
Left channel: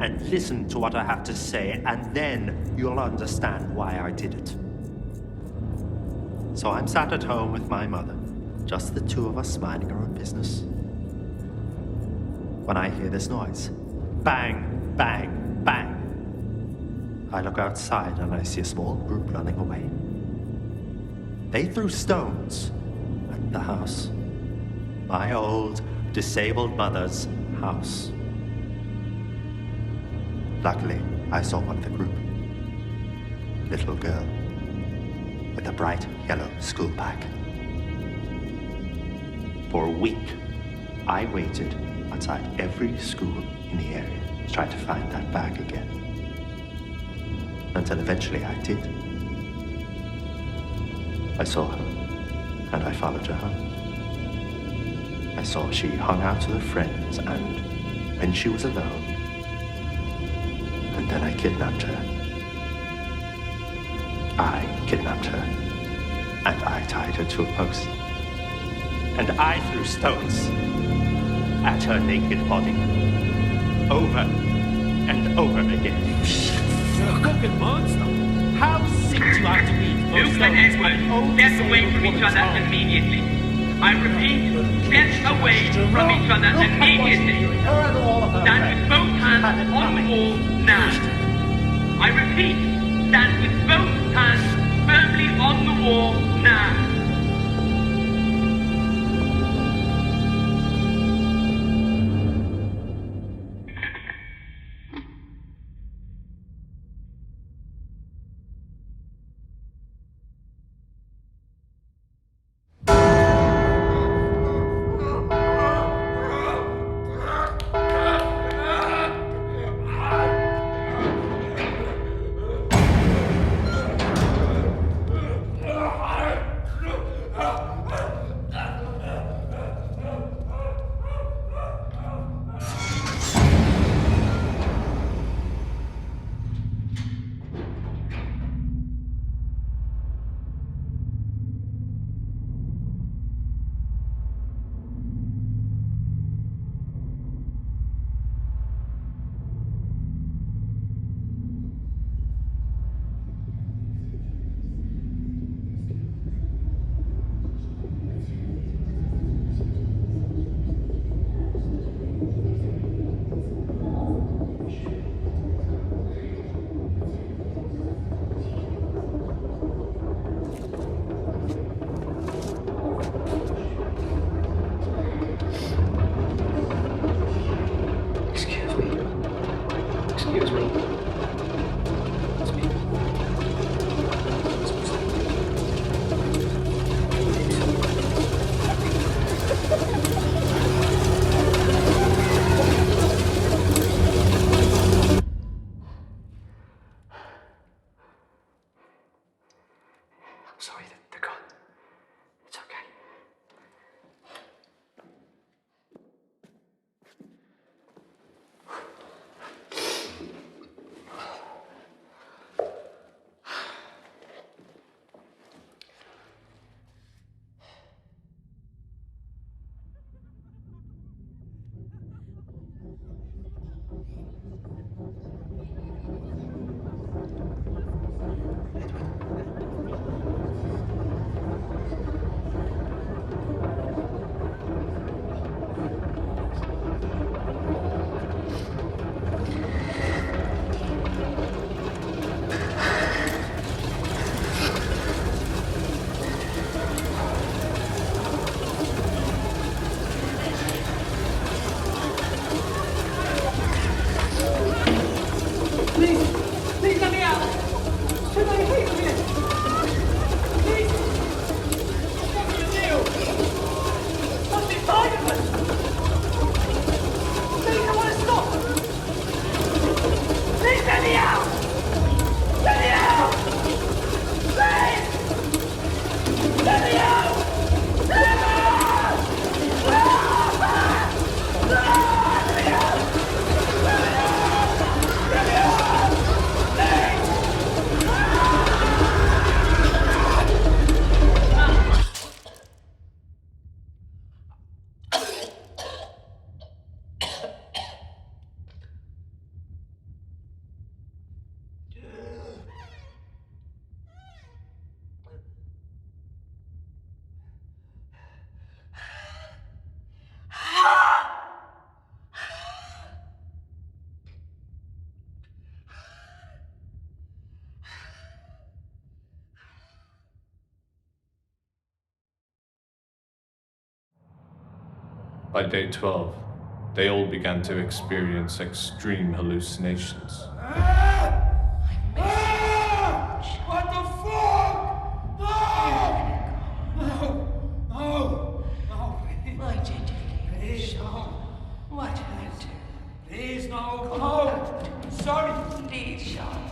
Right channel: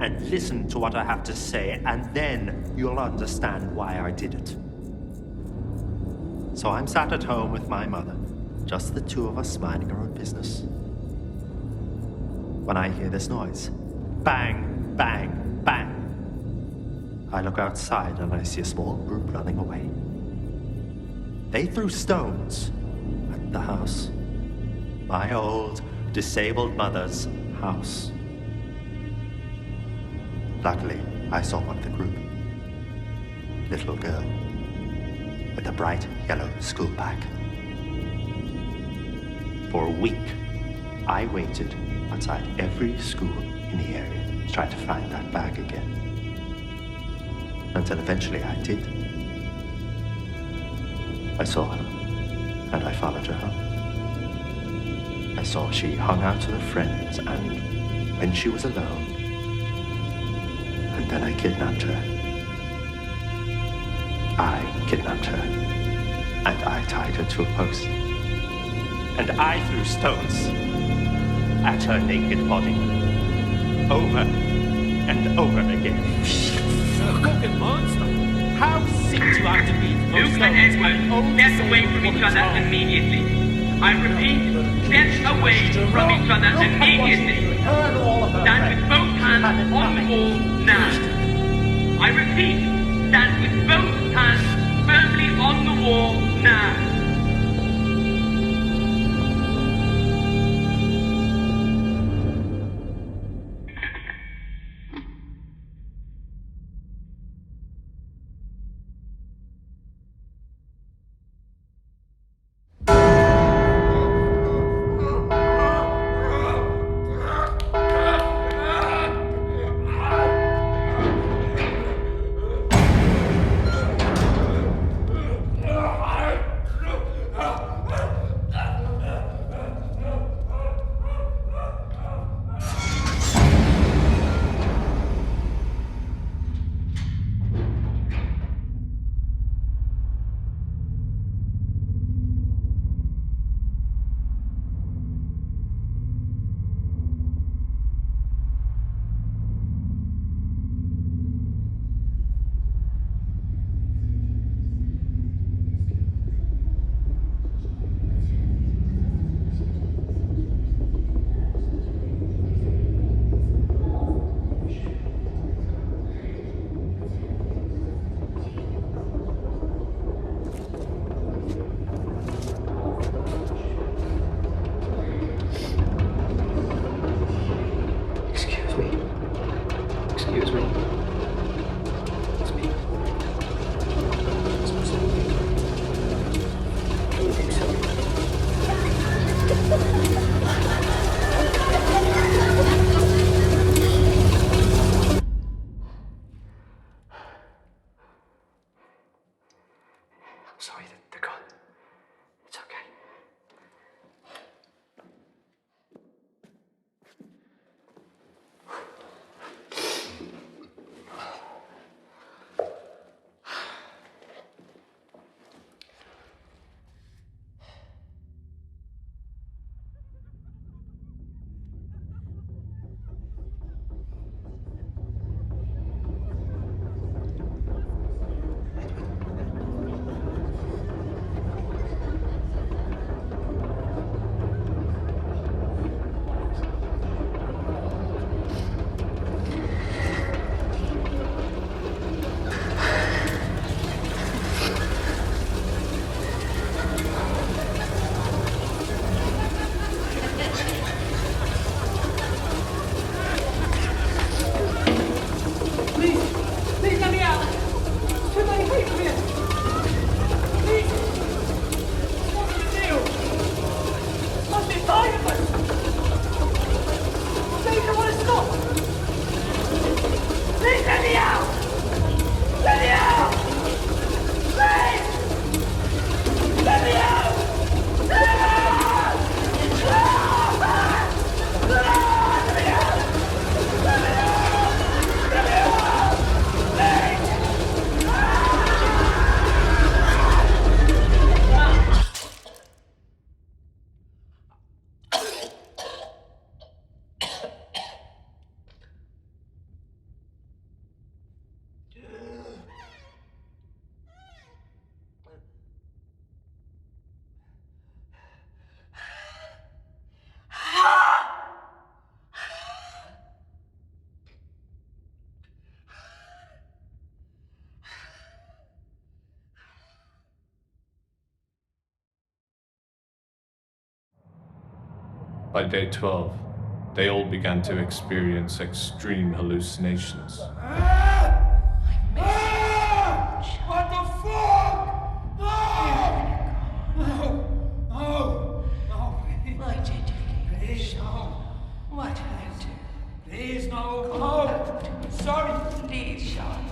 and listen to what I have to say, and then you'll understand why I did it. So I'm sat at home with my mother, just the two of us minding our own business, when I hear this noise. Bang, bang, bang. I look outside and I see a small group running away. They threw stones at the house. My old, disabled mother's house. Luckily, I saw one of the group. Little girl with a bright yellow school bag. For a week, I waited outside every school in the area to try to find that bag again. Until eventually I did. I saw her, and I followed her home. I saw she hung out with her friends, and when she was alone, and then I kidnapped her. I kidnapped her, and I tied her to a post. And I threw stones at her naked body, over and over again. You're a fucking monster. How sick do you have to be to throw stones at an old disabled woman's home? Immediately. I repeat, get away from each other immediately. Her and all of her Stand friends. with both hands Had it on the coming. wall now. I repeat, stand with both hands firmly on the wall now. sorry, the gun. It's okay. Please let me out! There's too many people here! Please! What's the deal? There must be 5 of us! Please, I want to stop! Please let me out! Let me out! Please! Let me out! Let me out! Let me out! Let me out! Let me out! By day 12, they all began to experience extreme hallucinations. What the fuck? No! Why did you leave? Please, no. What did I do? Please, no. Sorry. Please, Sean.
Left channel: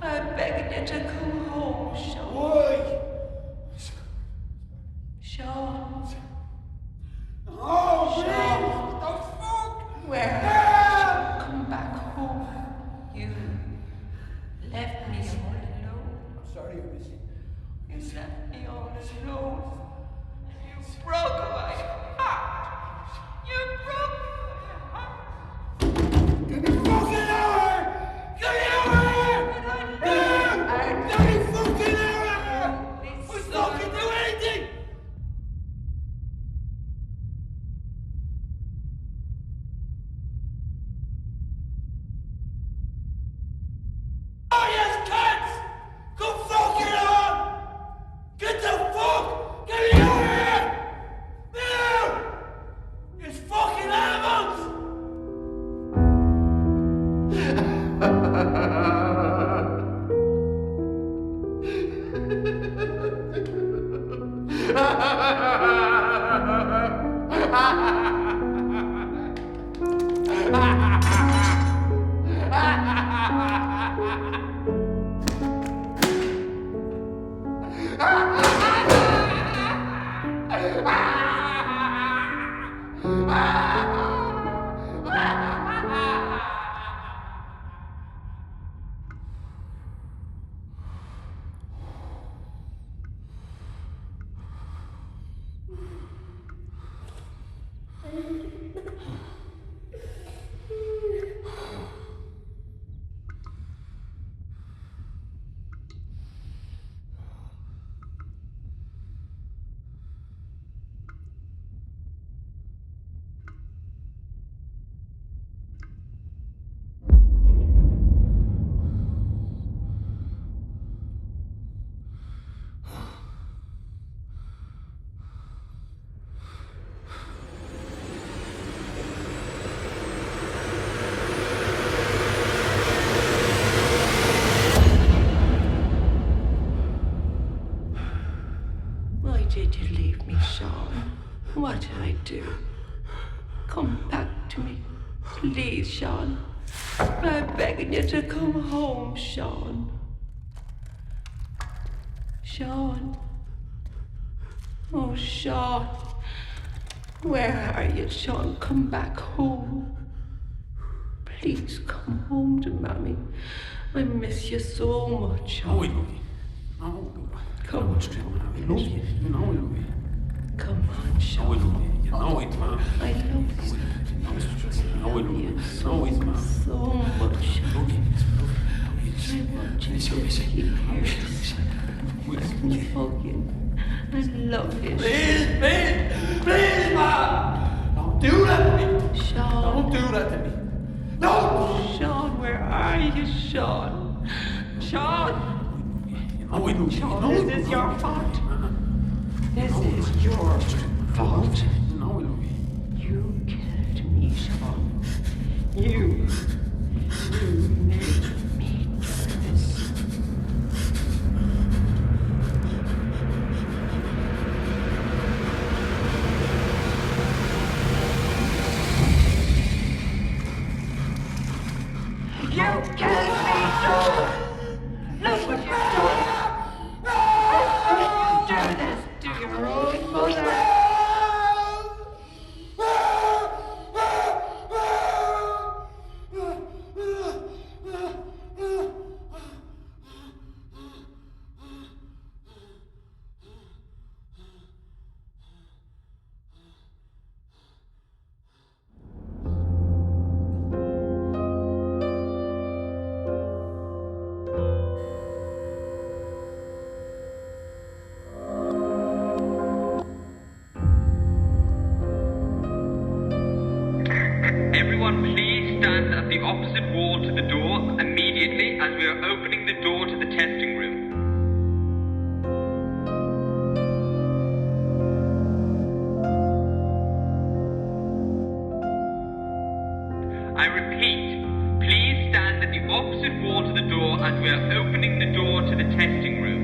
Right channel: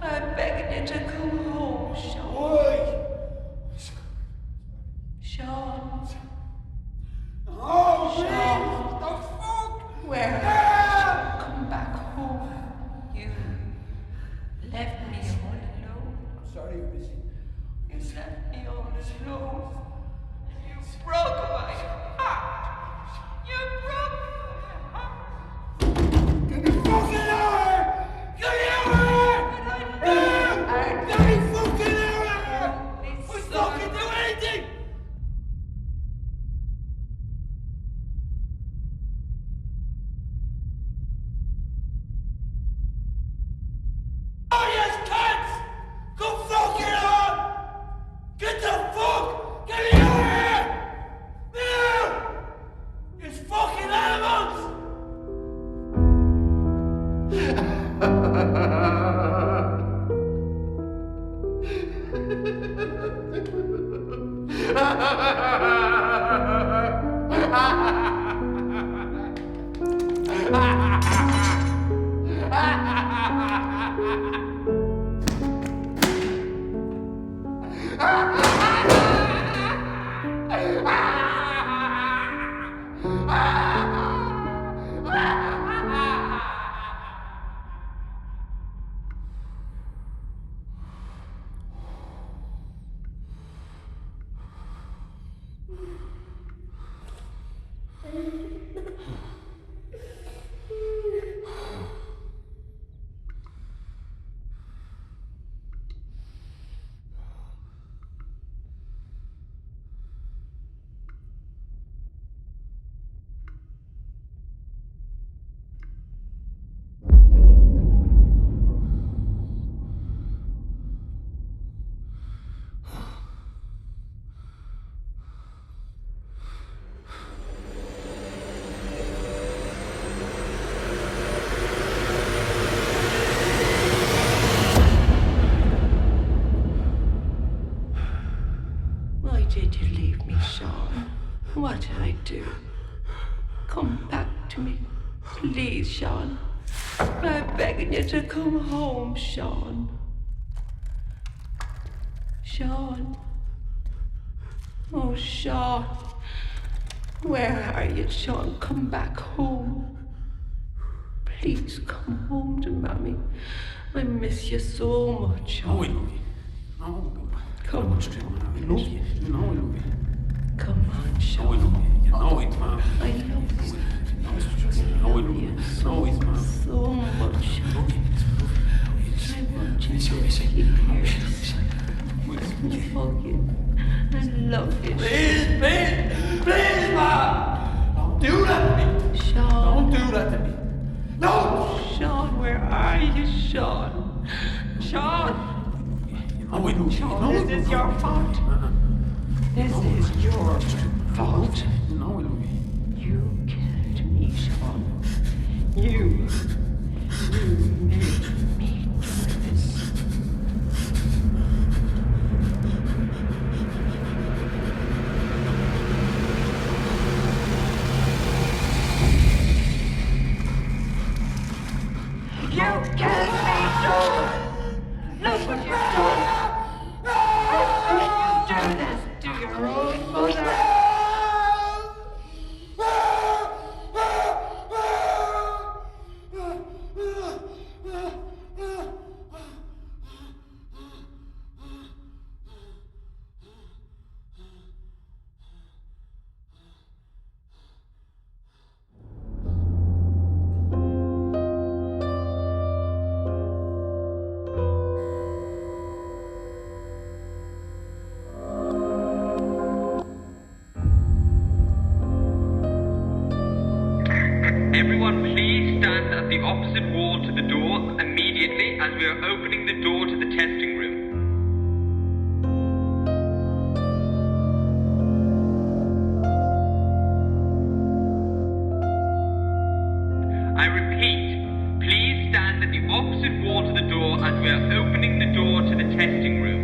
I'm begging you to come home, Sean. Why? Sean. Oh, Sean. what the fuck? Where? Come back home. You left me all alone. I'm sorry you're busy. You left me all alone. You broke my heart. You broke my heart. Get me fucking out of here! Get me out of here! Get me fucking out of here! We fucking do anything! Oh yes, cats! Go fucking on! Get the fuck! Get me out of here! Now! You fucking animals! Why did you leave me, Sean? What did I do? Come back to me. Please, Sean. I'm begging you to come home, Sean. Sean. Oh, Sean. Where are you, Sean? Come back home. Please come home to Mommy. I miss you so much, Sean. No, I love you. No. Come on. I love you. You know I love you. Come on, Sean. No, I love you. You know it, Mom. I love you. No, I love you. No, it's Mom. So much. I love you. I want you to keep here. I'm hugging. I love you. Please, Mom! Don't do that to me! Sean. Don't do that to me! No! Sean, where are you, Sean? Sean! No, I love you. Sean, No, this is your fault. This is your fault. No, I love you. You killed me, Sean. You made me do this. You killed me, Sean! Look what you've done! How could you do this to your own mother? Everyone, please stand at the opposite wall to the door immediately as we are opening the door to the testing room. I repeat, please stand at the opposite wall to the door as we are opening the door to the testing room.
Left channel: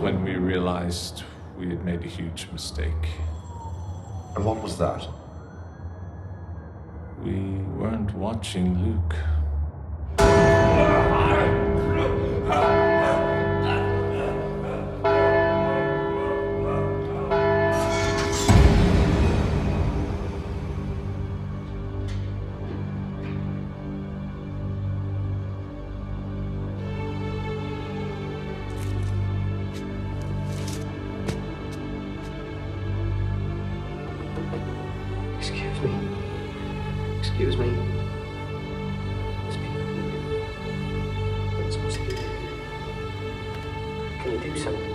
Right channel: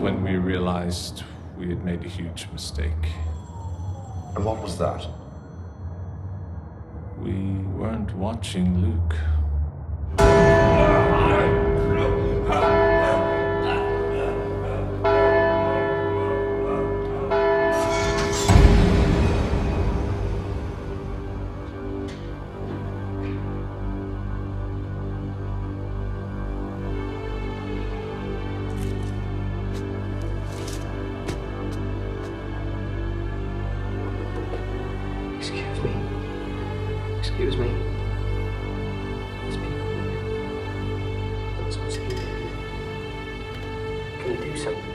When we realized we had made a huge mistake. And what was that? We weren't watching Luke. Excuse me. There's people here. They're not supposed to be here. Can you do something?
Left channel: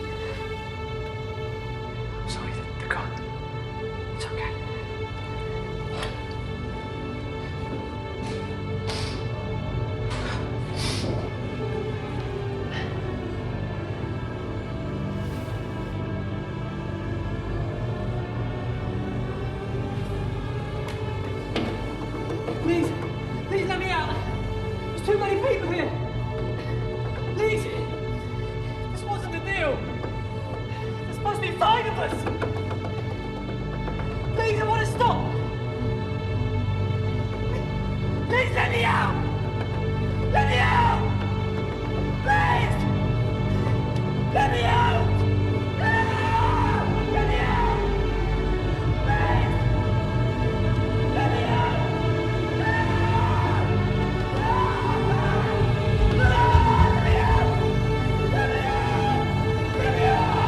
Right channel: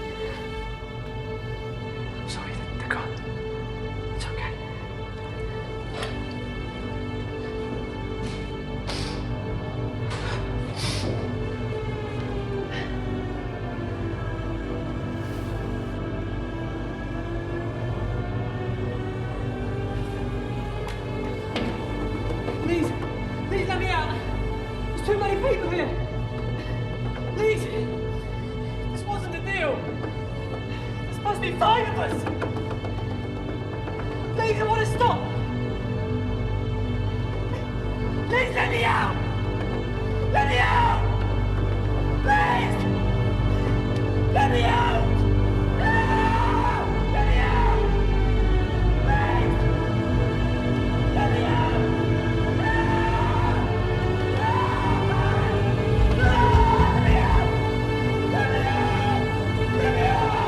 I'm sorry, they're gone. It's okay. Please let me out. There's too many people here. Please. This wasn't a deal. There's supposed to be 5 of us. Please, I want to stop. Please let me out. Let me out. Please. Let me out. Let me out. Please. Let me out. Let me out!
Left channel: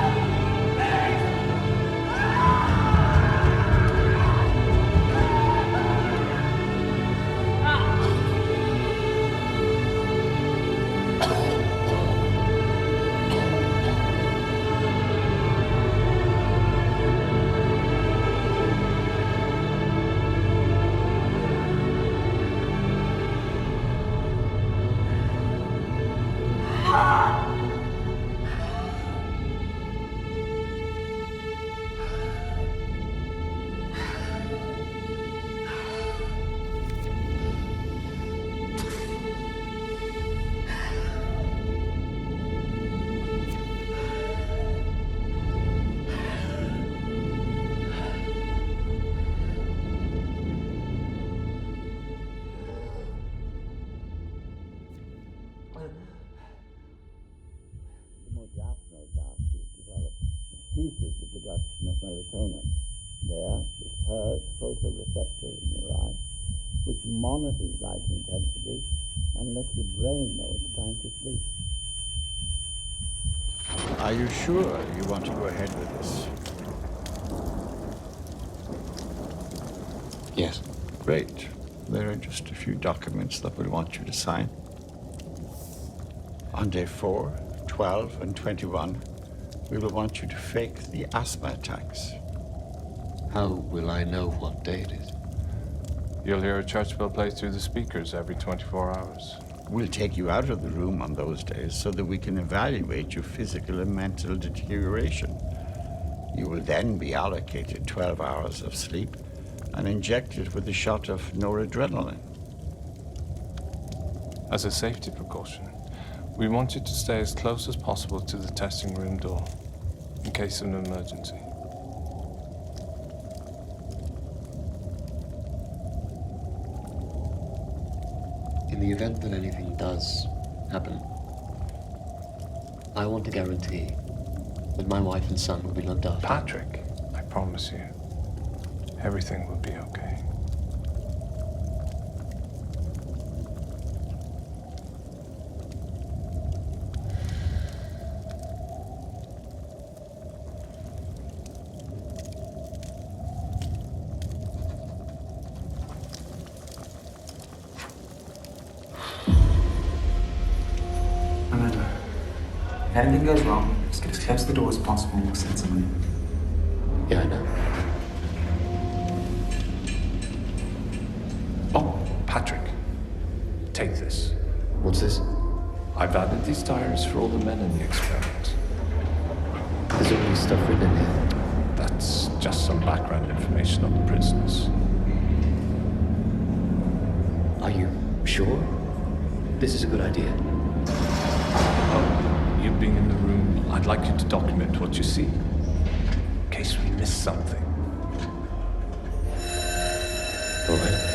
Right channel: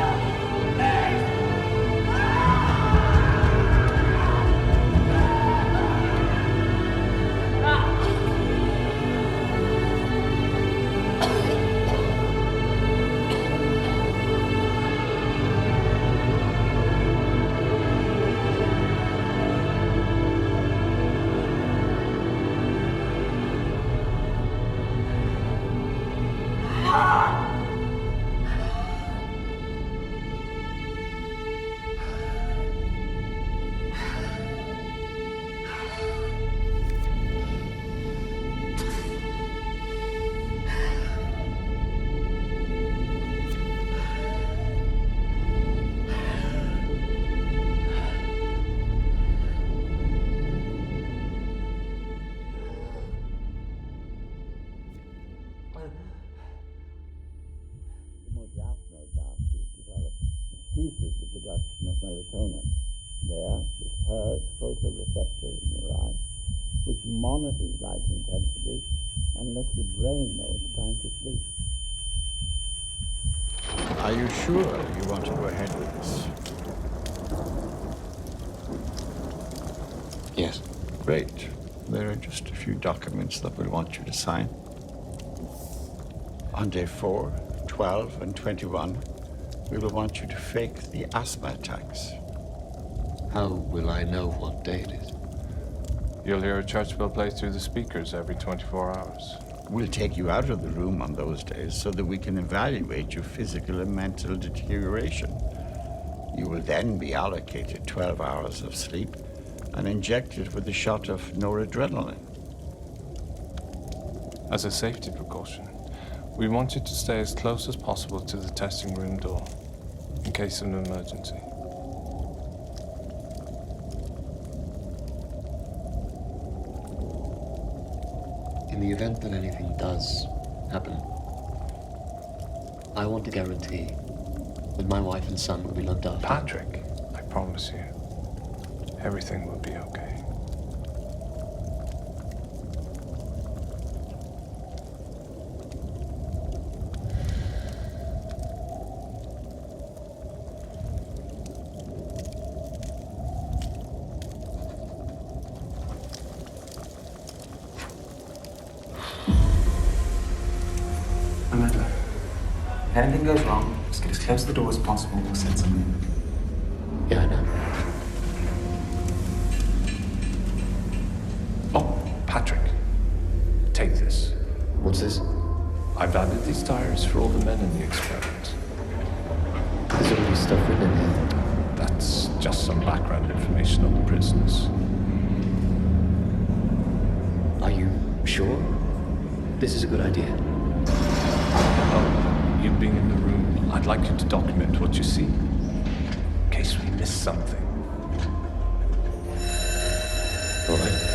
increases the production of melatonin. There, the third photoreceptor in your eye, which monitors light intensity and lets your brain know it's time to sleep. Are you sure you want to go ahead with this? Yes. Great. There are just a few documents that we'll want you to sign. On day 4, 12, and 21, we will want you to fake the asthma attacks. How will I know what day it is? You'll hear a church bell play through the speakers every 24 hours. We'll take you out of the room on those days so that we can evaluate your physical and mental deterioration. You will then be allocated 12 hours of sleep and injected with a shot of noradrenaline. As a safety precaution, we want you to stay as close as possible to the testing room door in case of an emergency. In the event that anything does happen, I want to guarantee that my wife and son will be looked after. Patrick, I promise you, everything will be okay. Amanda, if anything goes wrong, just get as close to the door as possible and we'll send someone in. Yeah, I know. Oh, Patrick, take this. What's this? I've added these diaries for all the men in the experiment. There's already stuff written in here. That's just some background information on the prisoners. Are you sure this is a good idea? Oh, you being in the room, I'd like you to document what you see, in case we miss something. All right.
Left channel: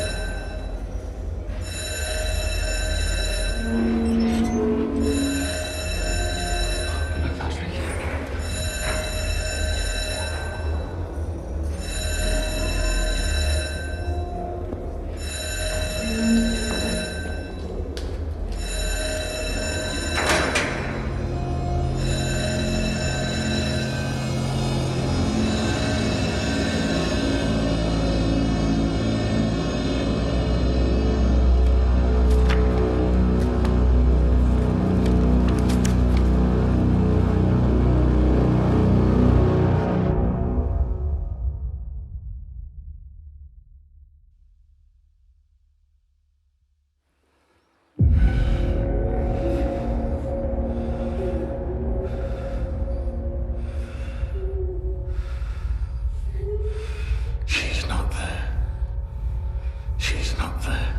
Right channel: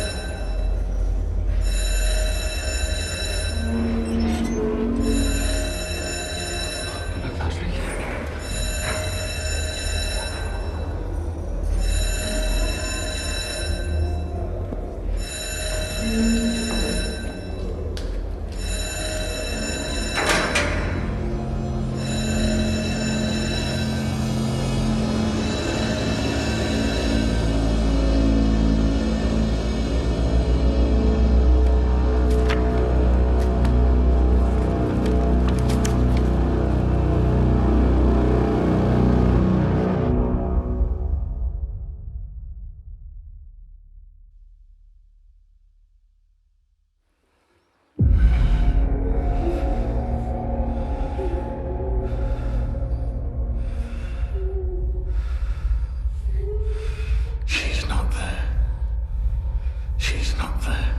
She's not there. She's not there.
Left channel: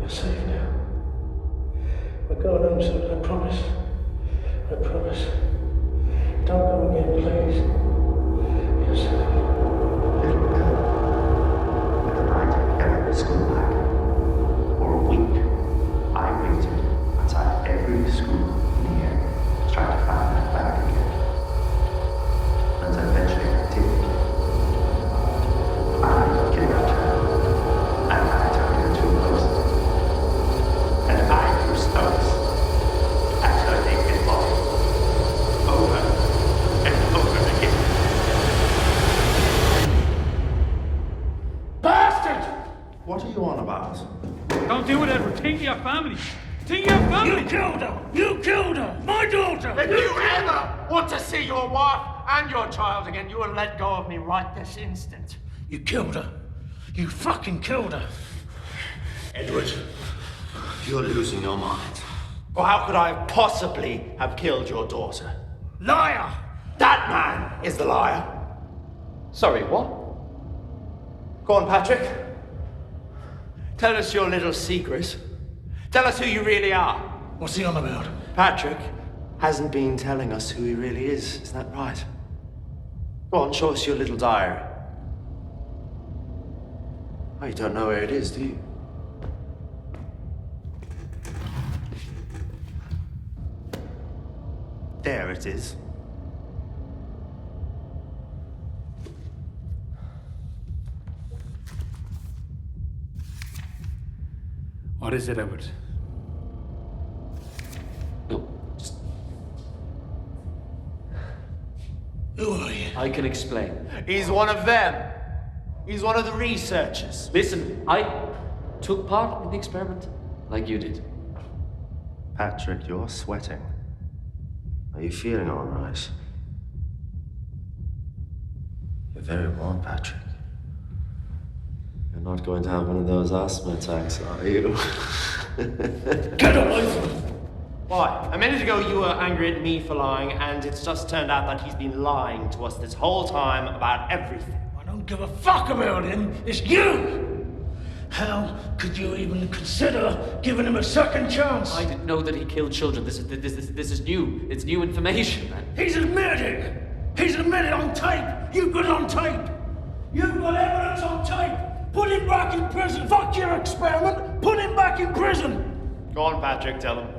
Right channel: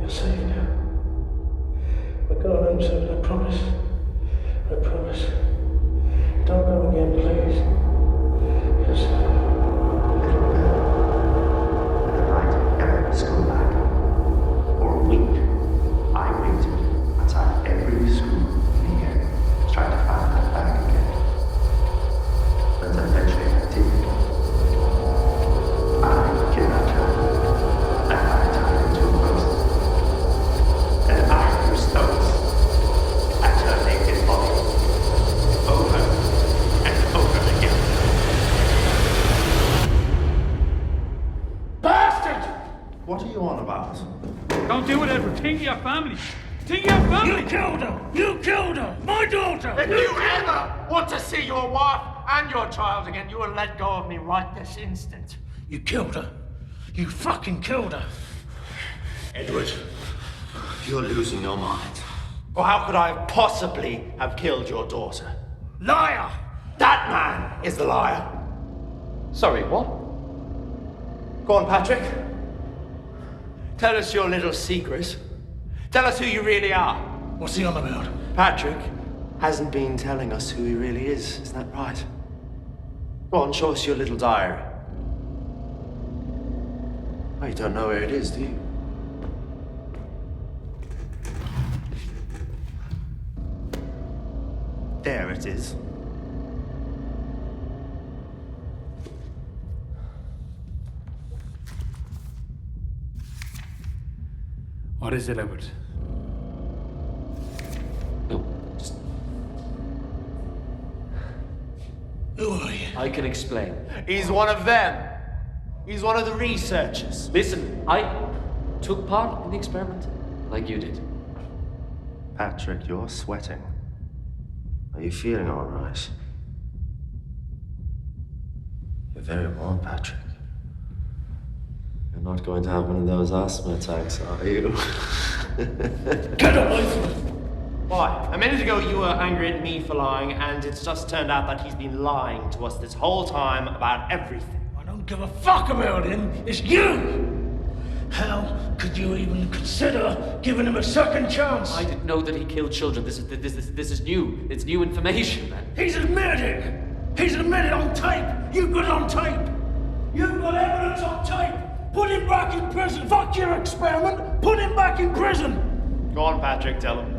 You're safe now. We're going home soon, I promise. I promise. Don't go again, please. You're safe. Little girl with a bright yellow school bag. For a week, I waited outside every school in the area to try to find that bag again. And eventually I did. I kidnapped her, and I tied her to a post. And I threw stones at her naked body, over and over again. Bastard! What are you on about? Don't do it, Edward. Think of your family. Think of your family. You killed her! You killed her! My daughter! If you ever want to see your wife and your child again, you will let go of me right this instant. You killed her. You fucking killed her. Edward, You're losing your mind. or how could I possibly have killed your daughter? Liar! That man is the liar. Sorry, what? Go on, Patrick. Tell us your little secret. Tell us who you really are. What's he on about? Patrick hasn't been telling us who he really is that right? Go on, show us your little diary. Oh, you don't know where it is, do you? There it is. What is it, Edward? Who are you? I can explain. He's one of them. He's one of the researchers. Listen, I took part in the experiment like you did. Patrick, you're sweating. Are you feeling all right? You're very warm, Patrick. You're not going to have one of those asthma attacks, are you? Get away from me! Why? A minute ago you were angry at me for lying, and it's just turned out that he's been lying to us this whole time about everything. I don't give a fuck about him. It's you! How could you even consider giving him a second chance? I didn't know that he killed children. This is new. It's new information, man. He's admitted! He's admitted on tape! You've got it on tape! You've got evidence on tape! Put him back in prison! Fuck your experiment! Put him back in prison! Go on, Patrick, tell him.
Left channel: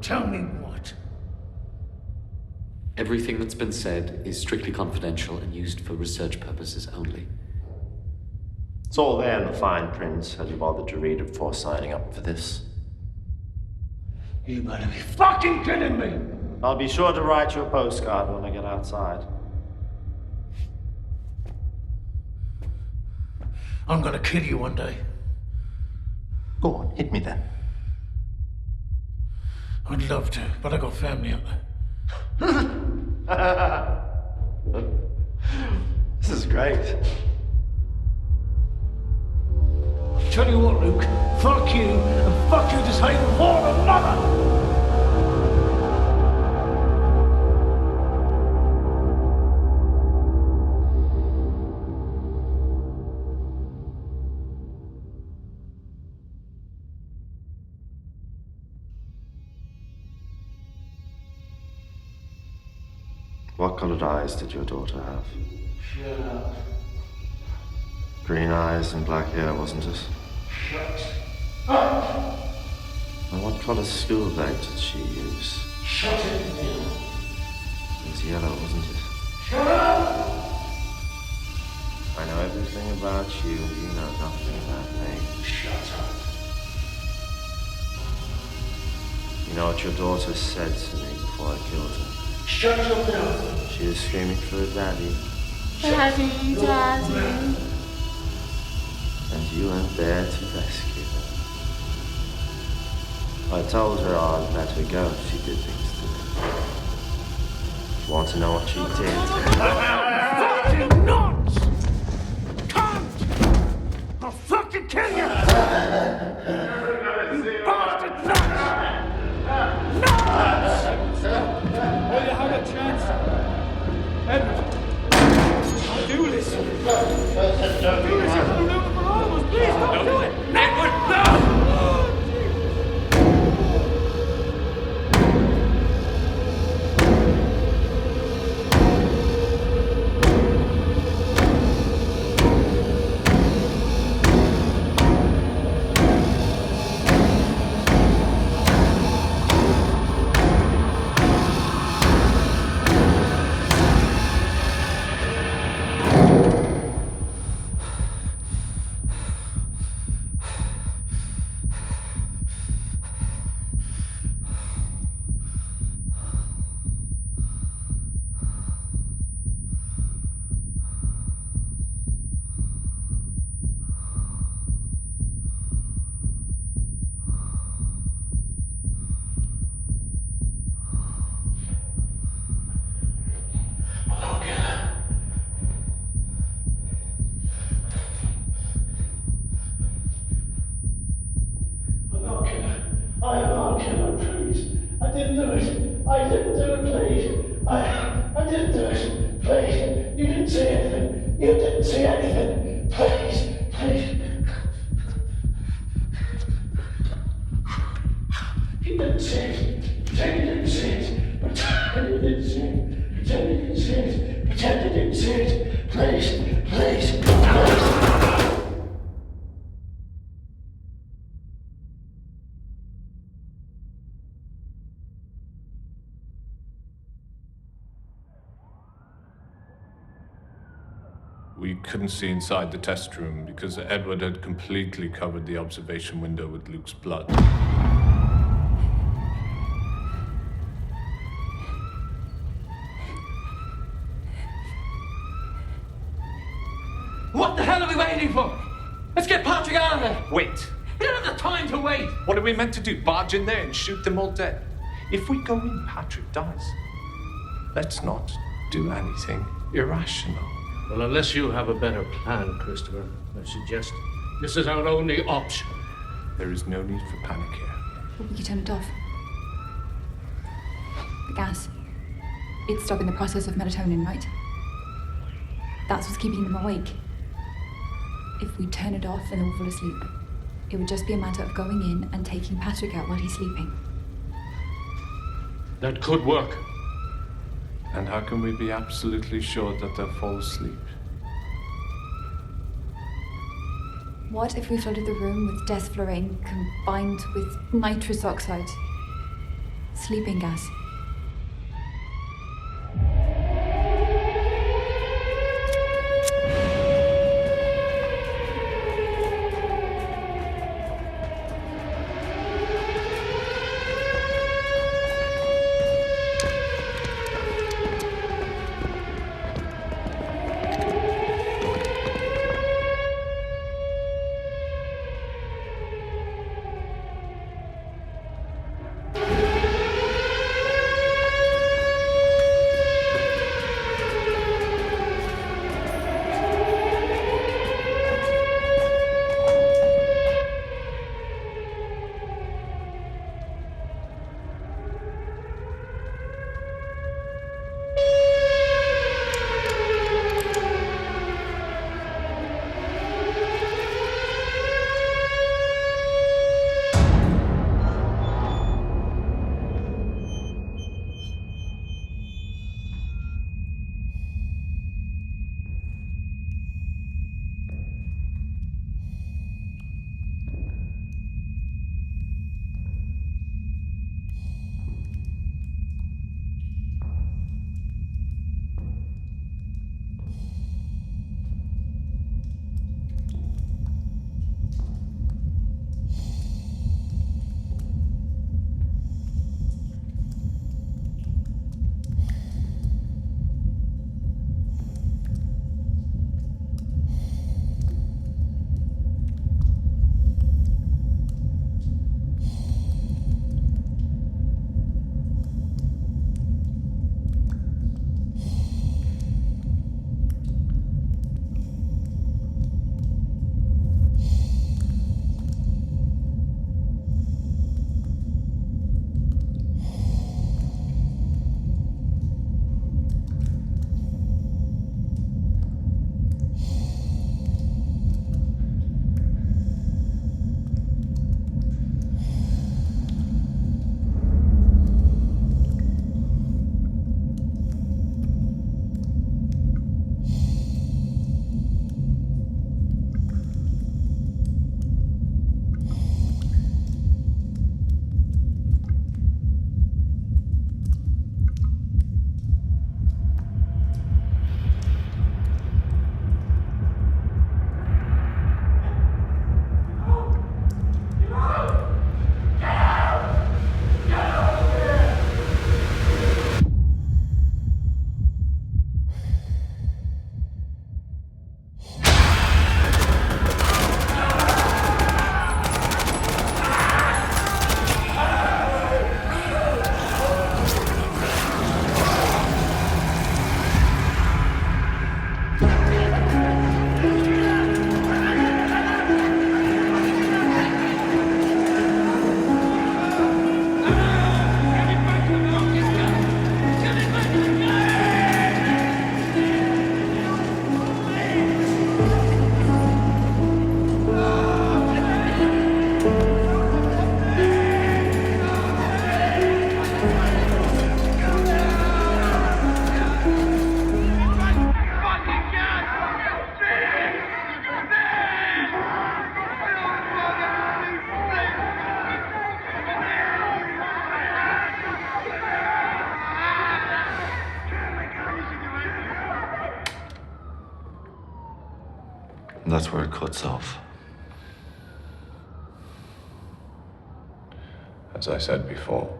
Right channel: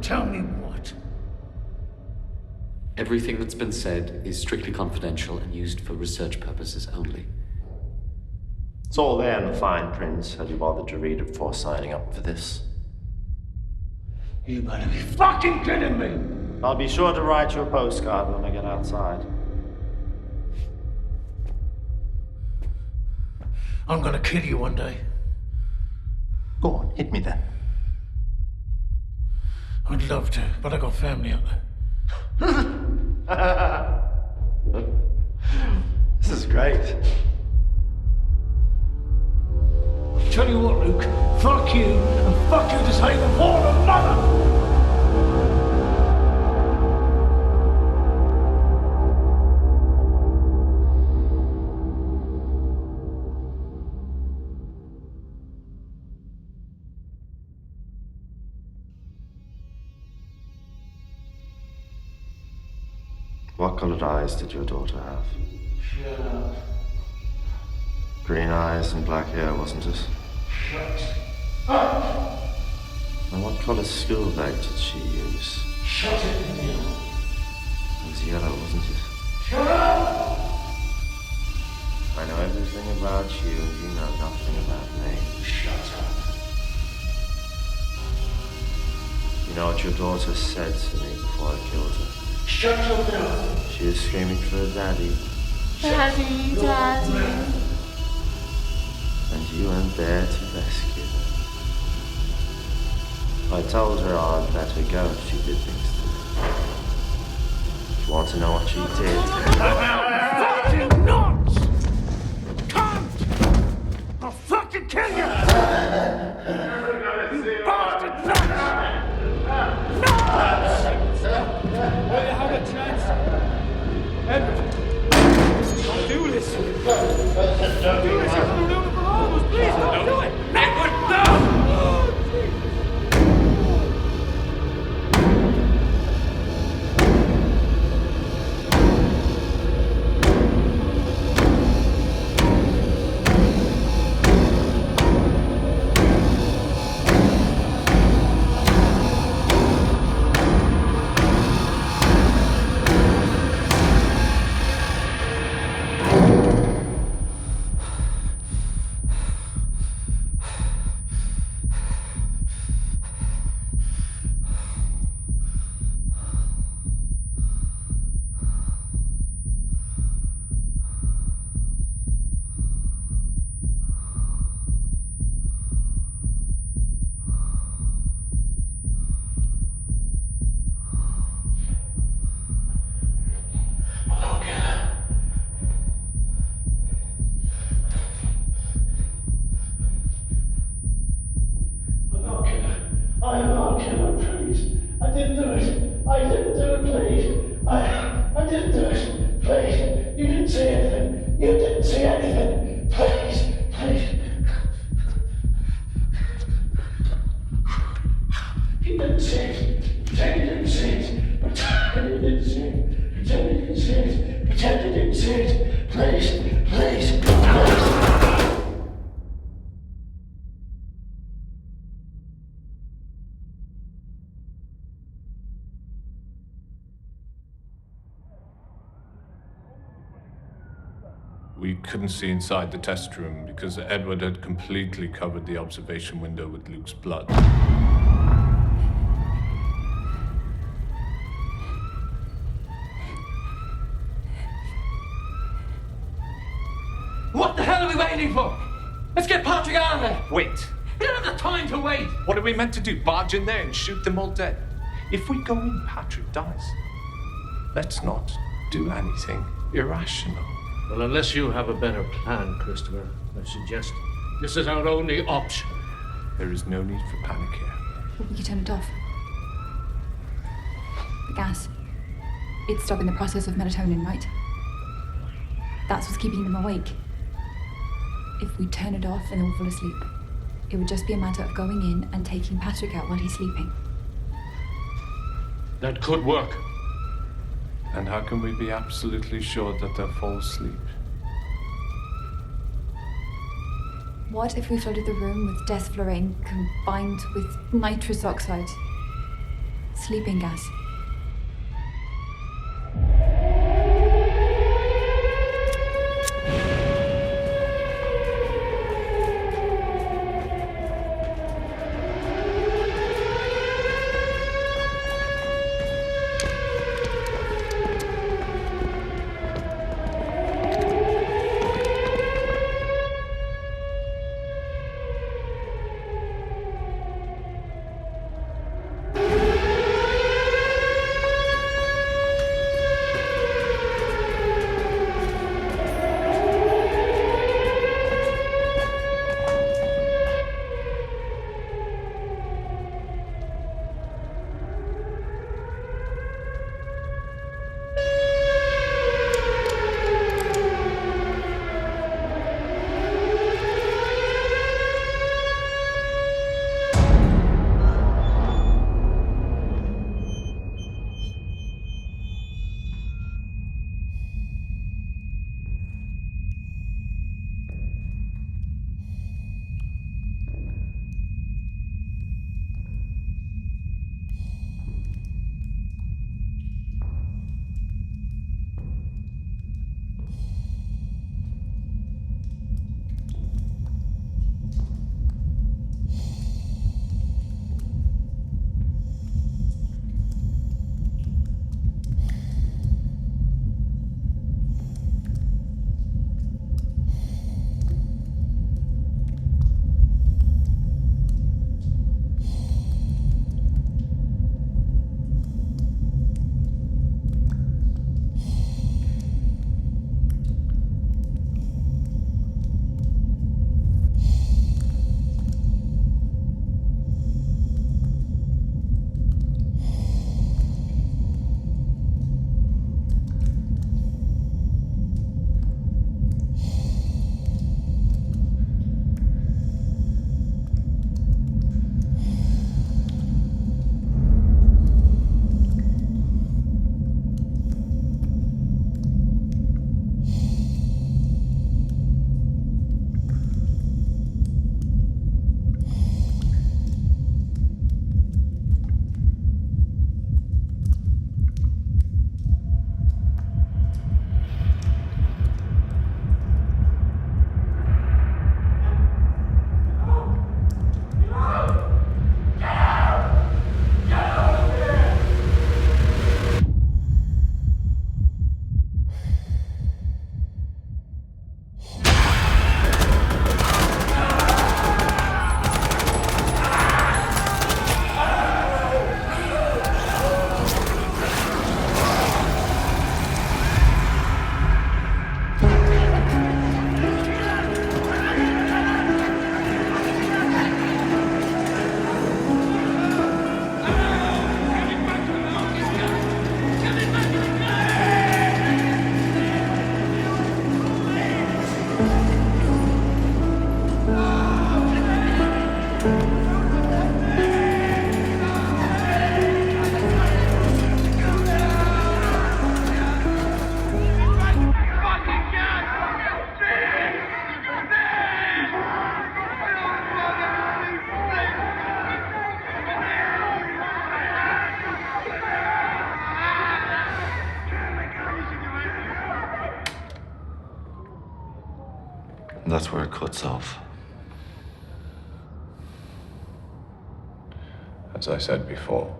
Tell me what? Everything that's been said is strictly confidential and used for research purposes only. It's all there in the fine print. Had you bothered to read it before signing up for this? You better be fucking kidding me! I'll be sure to write you a postcard when I get outside. I'm gonna kill you one day. Go on, hit me then. I'd love to, but I got family out there. This is great. Tell you what, Luke, fuck you, and fuck your disabled whore mother! What colored eyes did your daughter have? Shut up. Green eyes and black hair, wasn't it? Shut up! And what color school bag did she use? Shut it, Neil. It was yellow, wasn't it? Shut up! I know everything about you, and you know nothing about me. Shut up. You know what your daughter said to me before I killed her? Shut your mouth. She was screaming for a daddy. Daddy, Daddy. And you weren't there to rescue her. I told her I'd let her go if she did things to me. If you want to know what she did... Fucking nuts! Cunt! I'll fucking kill you! You bastard nuts! Nuts! Well, you have a chance. Edward, don't do this. Don't do this. You're going to ruin it for all of us. Please, don't do it. Edward, no! I didn't do it, please. I didn't do it, please. I didn't do it. Please. You didn't see anything. You didn't see anything. Please. Please. You didn't see it. Pretend you didn't see it. Pretend you didn't see it. Pretend you didn't see it. Pretend you didn't see it. Please. Please. Please. We couldn't see inside the test room because Edward had completely covered the observation window with Luke's blood. What the hell are we waiting for? Let's get Patrick out of there. Wait. We don't have the time to wait. What are we meant to do? Barge in there and shoot them all dead? If we go in, Patrick dies. Let's not do anything irrational. Well, unless you have a better plan, Christopher, I suggest this is our only option. There is no need for panic here. Well, we could turn it off. The gas. It's stopping the process of melatonin, right? That's what's keeping them awake. If we turn it off and they'll fall asleep, it would just be a matter of going in and taking Patrick out while he's sleeping. That could work. And how can we be absolutely sure that they'll fall asleep? What if we flooded the room with desflurane combined with nitrous oxide? Sleeping gas. And that's where it cuts off. As I said before,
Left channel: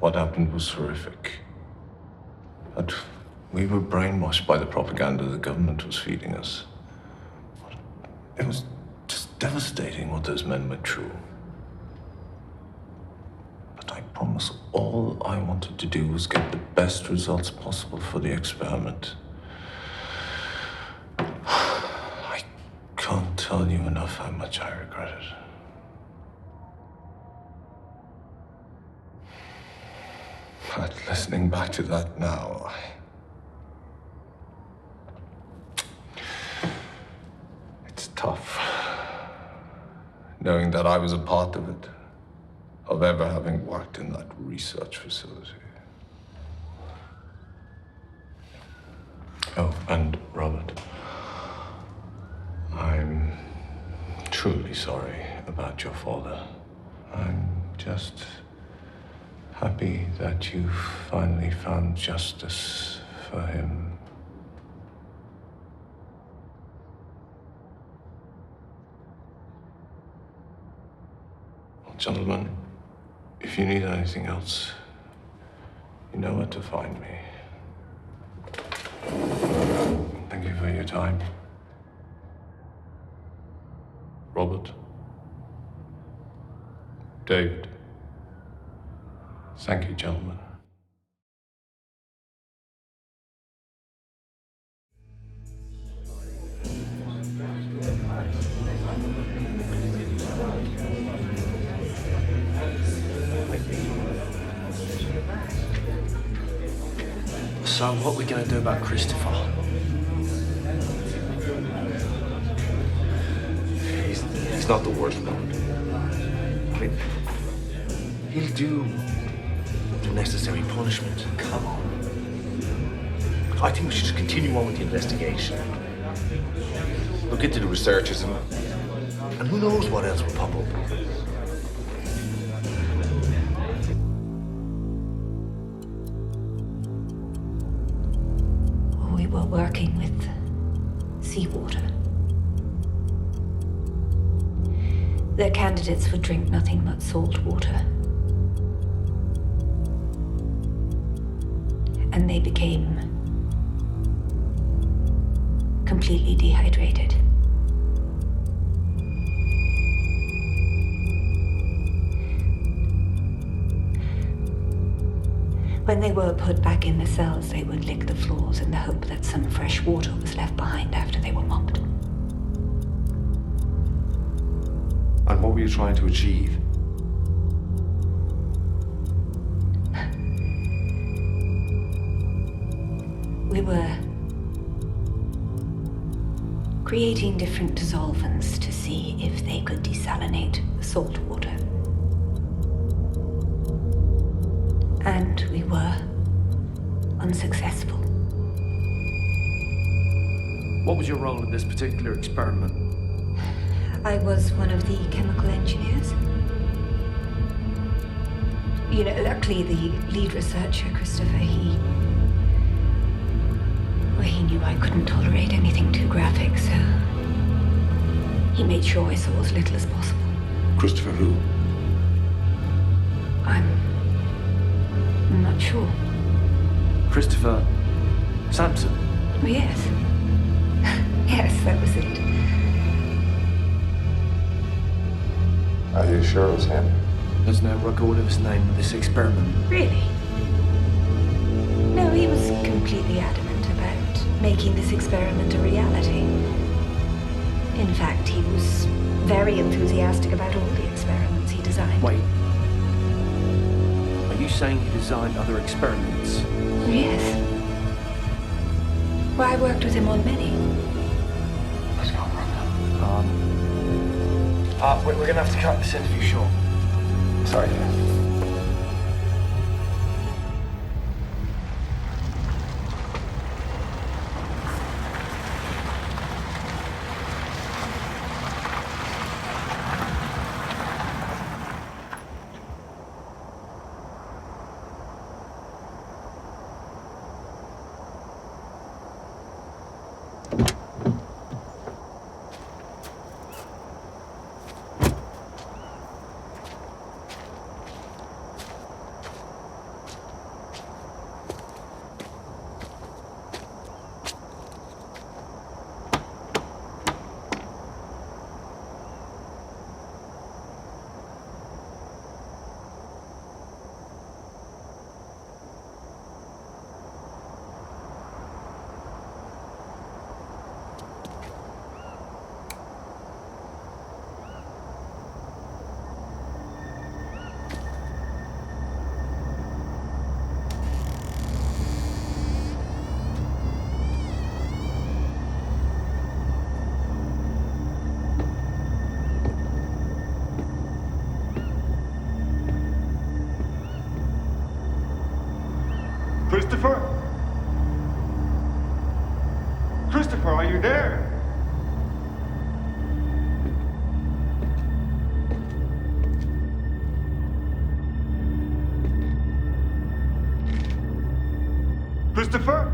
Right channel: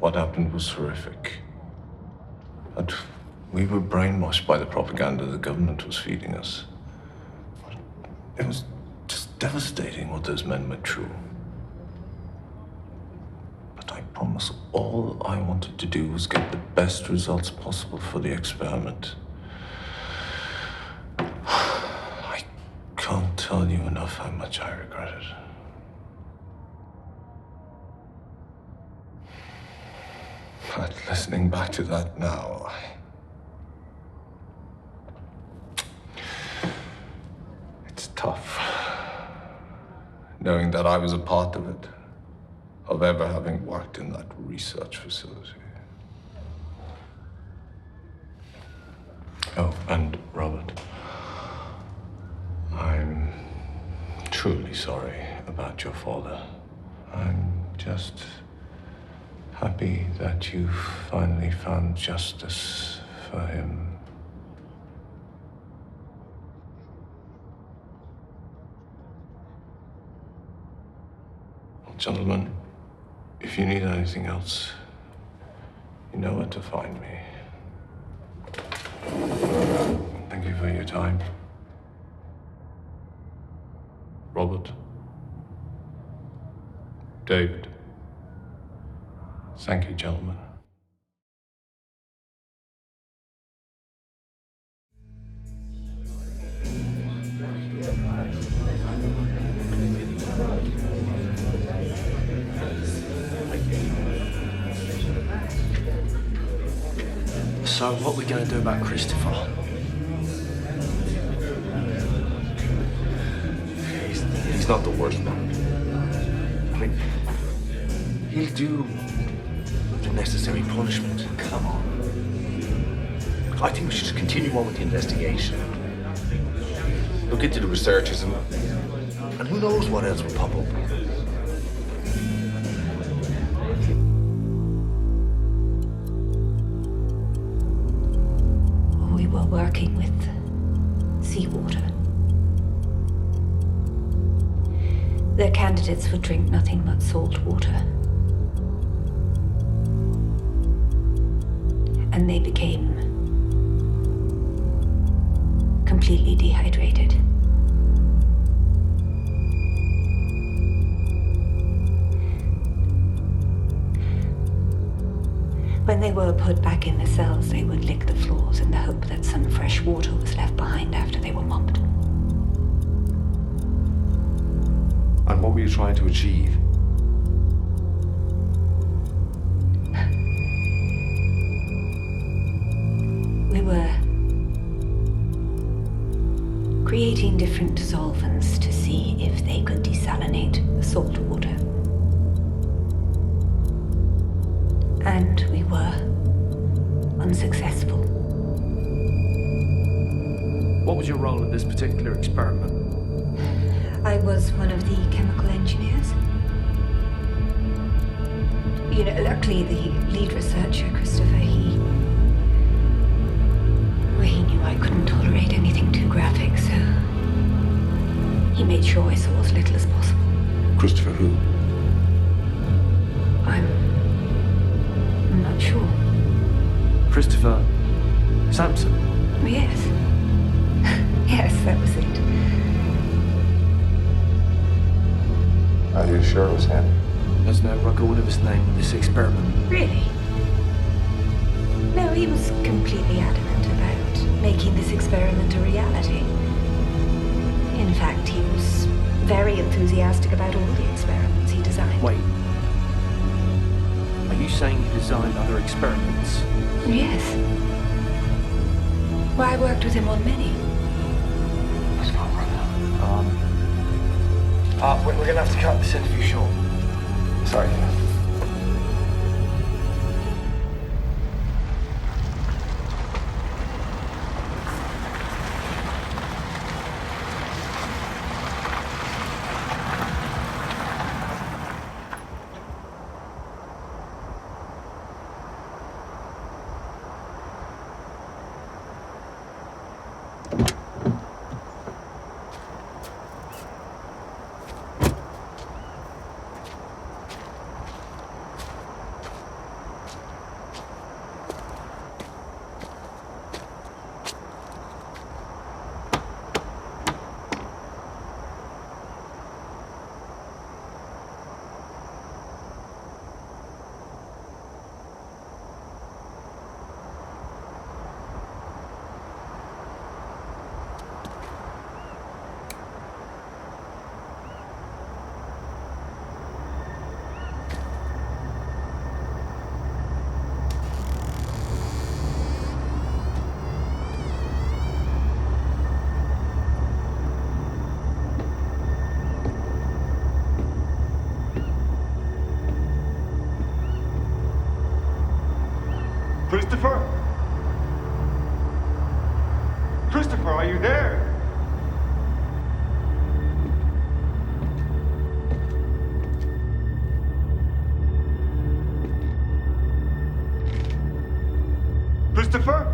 what happened was horrific. But we were brainwashed by the propaganda the government was feeding us. It was just devastating what those men went through. But I promise all I wanted to do was get the best results possible for the experiment. I can't tell you enough how much I regret it. But listening back to that now, it's tough. Knowing that I was a part of it, of ever having worked in that research facility. Oh, and Robert, I'm truly sorry about your father. I'm just happy that you finally found justice for him. Well, gentlemen, if you need anything else, you know where to find me. Thank you for your time. Robert. David. Thank you, gentlemen. Thank you. So, what are we going to do about Christopher? He's not the worst, Robert. I mean, he'll do the necessary punishment. Come on. I think we should just continue on with the investigation. Look into the researchers and who knows what else will pop up. We were working with seawater. Their candidates would drink nothing but salt water. And they became completely dehydrated. When they were put back in the cells, they would lick the floors in the hope that some fresh water was left behind after they were mopped. And what were you trying to achieve? We were creating different dissolvents to see if they could desalinate the salt water. And we were unsuccessful. What was your role in this particular experiment? I was one of the chemical engineers. You know, luckily the lead researcher, Christopher, he knew I couldn't tolerate anything too graphic, so he made sure I saw as little as possible. Christopher who? I'm not sure. Christopher Sampson? Oh, yes. Yes, that was it. Are you sure it was him? There's no record of his name in this experiment. Really? No, he was completely adamant about making this experiment a reality. In fact, he was very enthusiastic about all the experiments he designed. Wait. Are you saying he designed other experiments? Yes. Well, I worked with him on many. Let's go, brother. We're going to have to cut this interview short. Sorry. Christopher? Christopher, are you there? Christopher?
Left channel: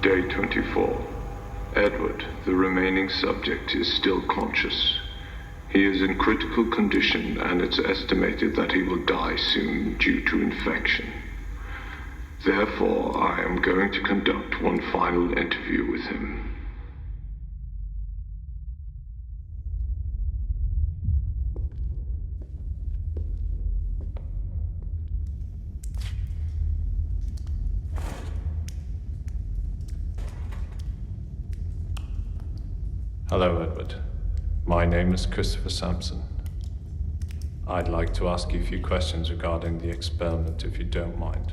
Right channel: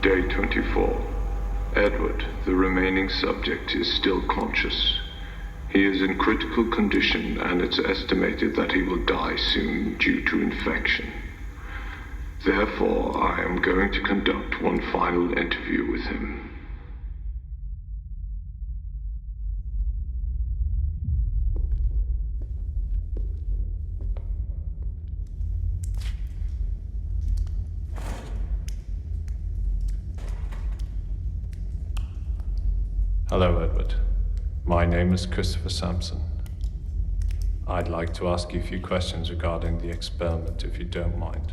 Day 24. Edward, the remaining subject, is still conscious. He is in critical condition, and it's estimated that he will die soon due to infection. Therefore, I am going to conduct one final interview with him. Hello, Edward. My name is Christopher Sampson. I'd like to ask you a few questions regarding the experiment, if you don't mind.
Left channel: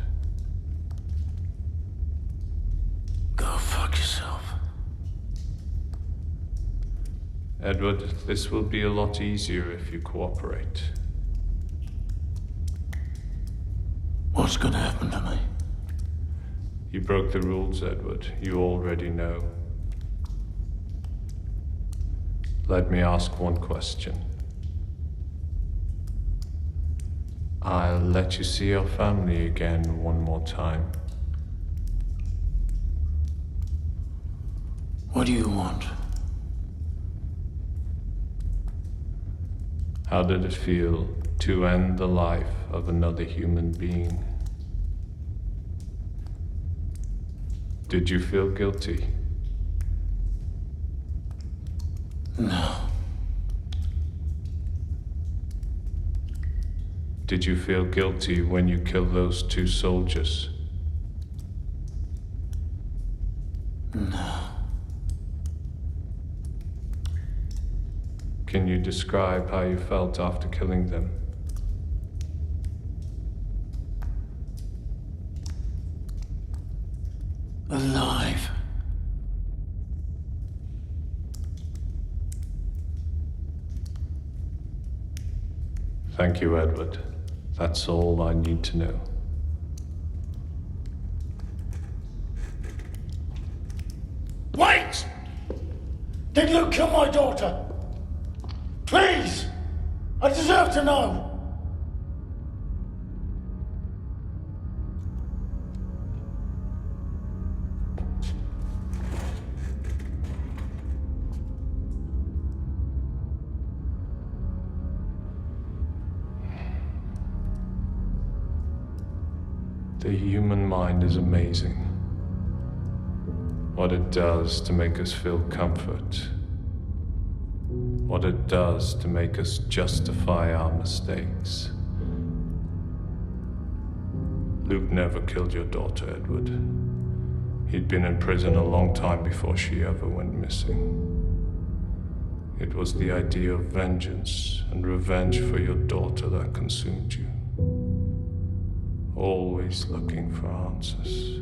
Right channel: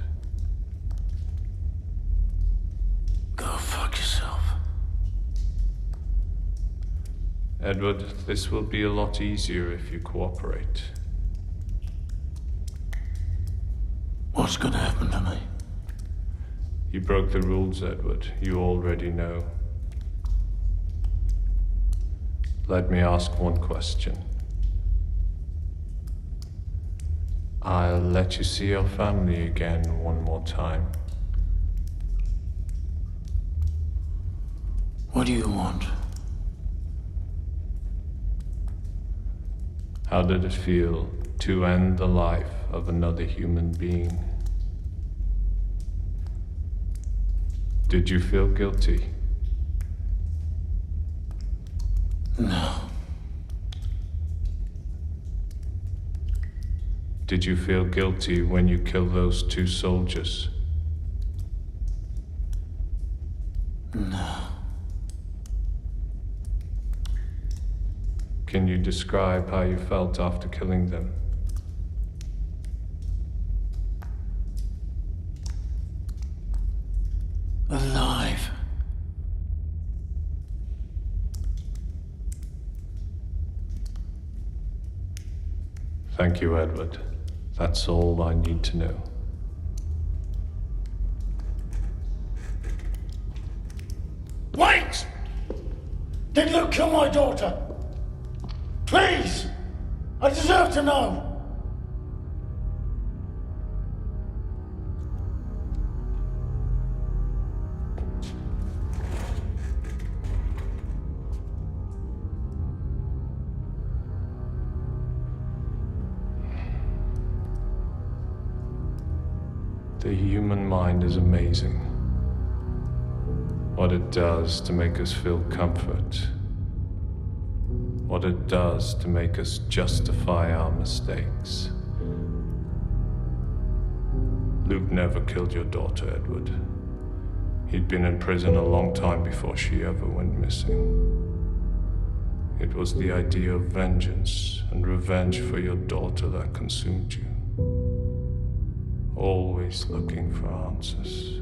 Go fuck yourself. Edward, this will be a lot easier if you cooperate. What's gonna happen to me? You broke the rules, Edward. You already know. Let me ask one question. I'll let you see your family again one more time. What do you want? How did it feel to end the life of another human being? Did you feel guilty? No. Did you feel guilty when you killed those 2 soldiers? No. Can you describe how you felt after killing them? Alive. Thank you, Edward. That's all I need to know. Wait! Did Luke kill my daughter? Please! I deserve to know! The human mind is amazing. What it does to make us feel comfort. What it does to make us justify our mistakes. Luke never killed your daughter, Edward. He'd been in prison a long time before she ever went missing. It was the idea of vengeance and revenge for your daughter that consumed you. Always looking for answers,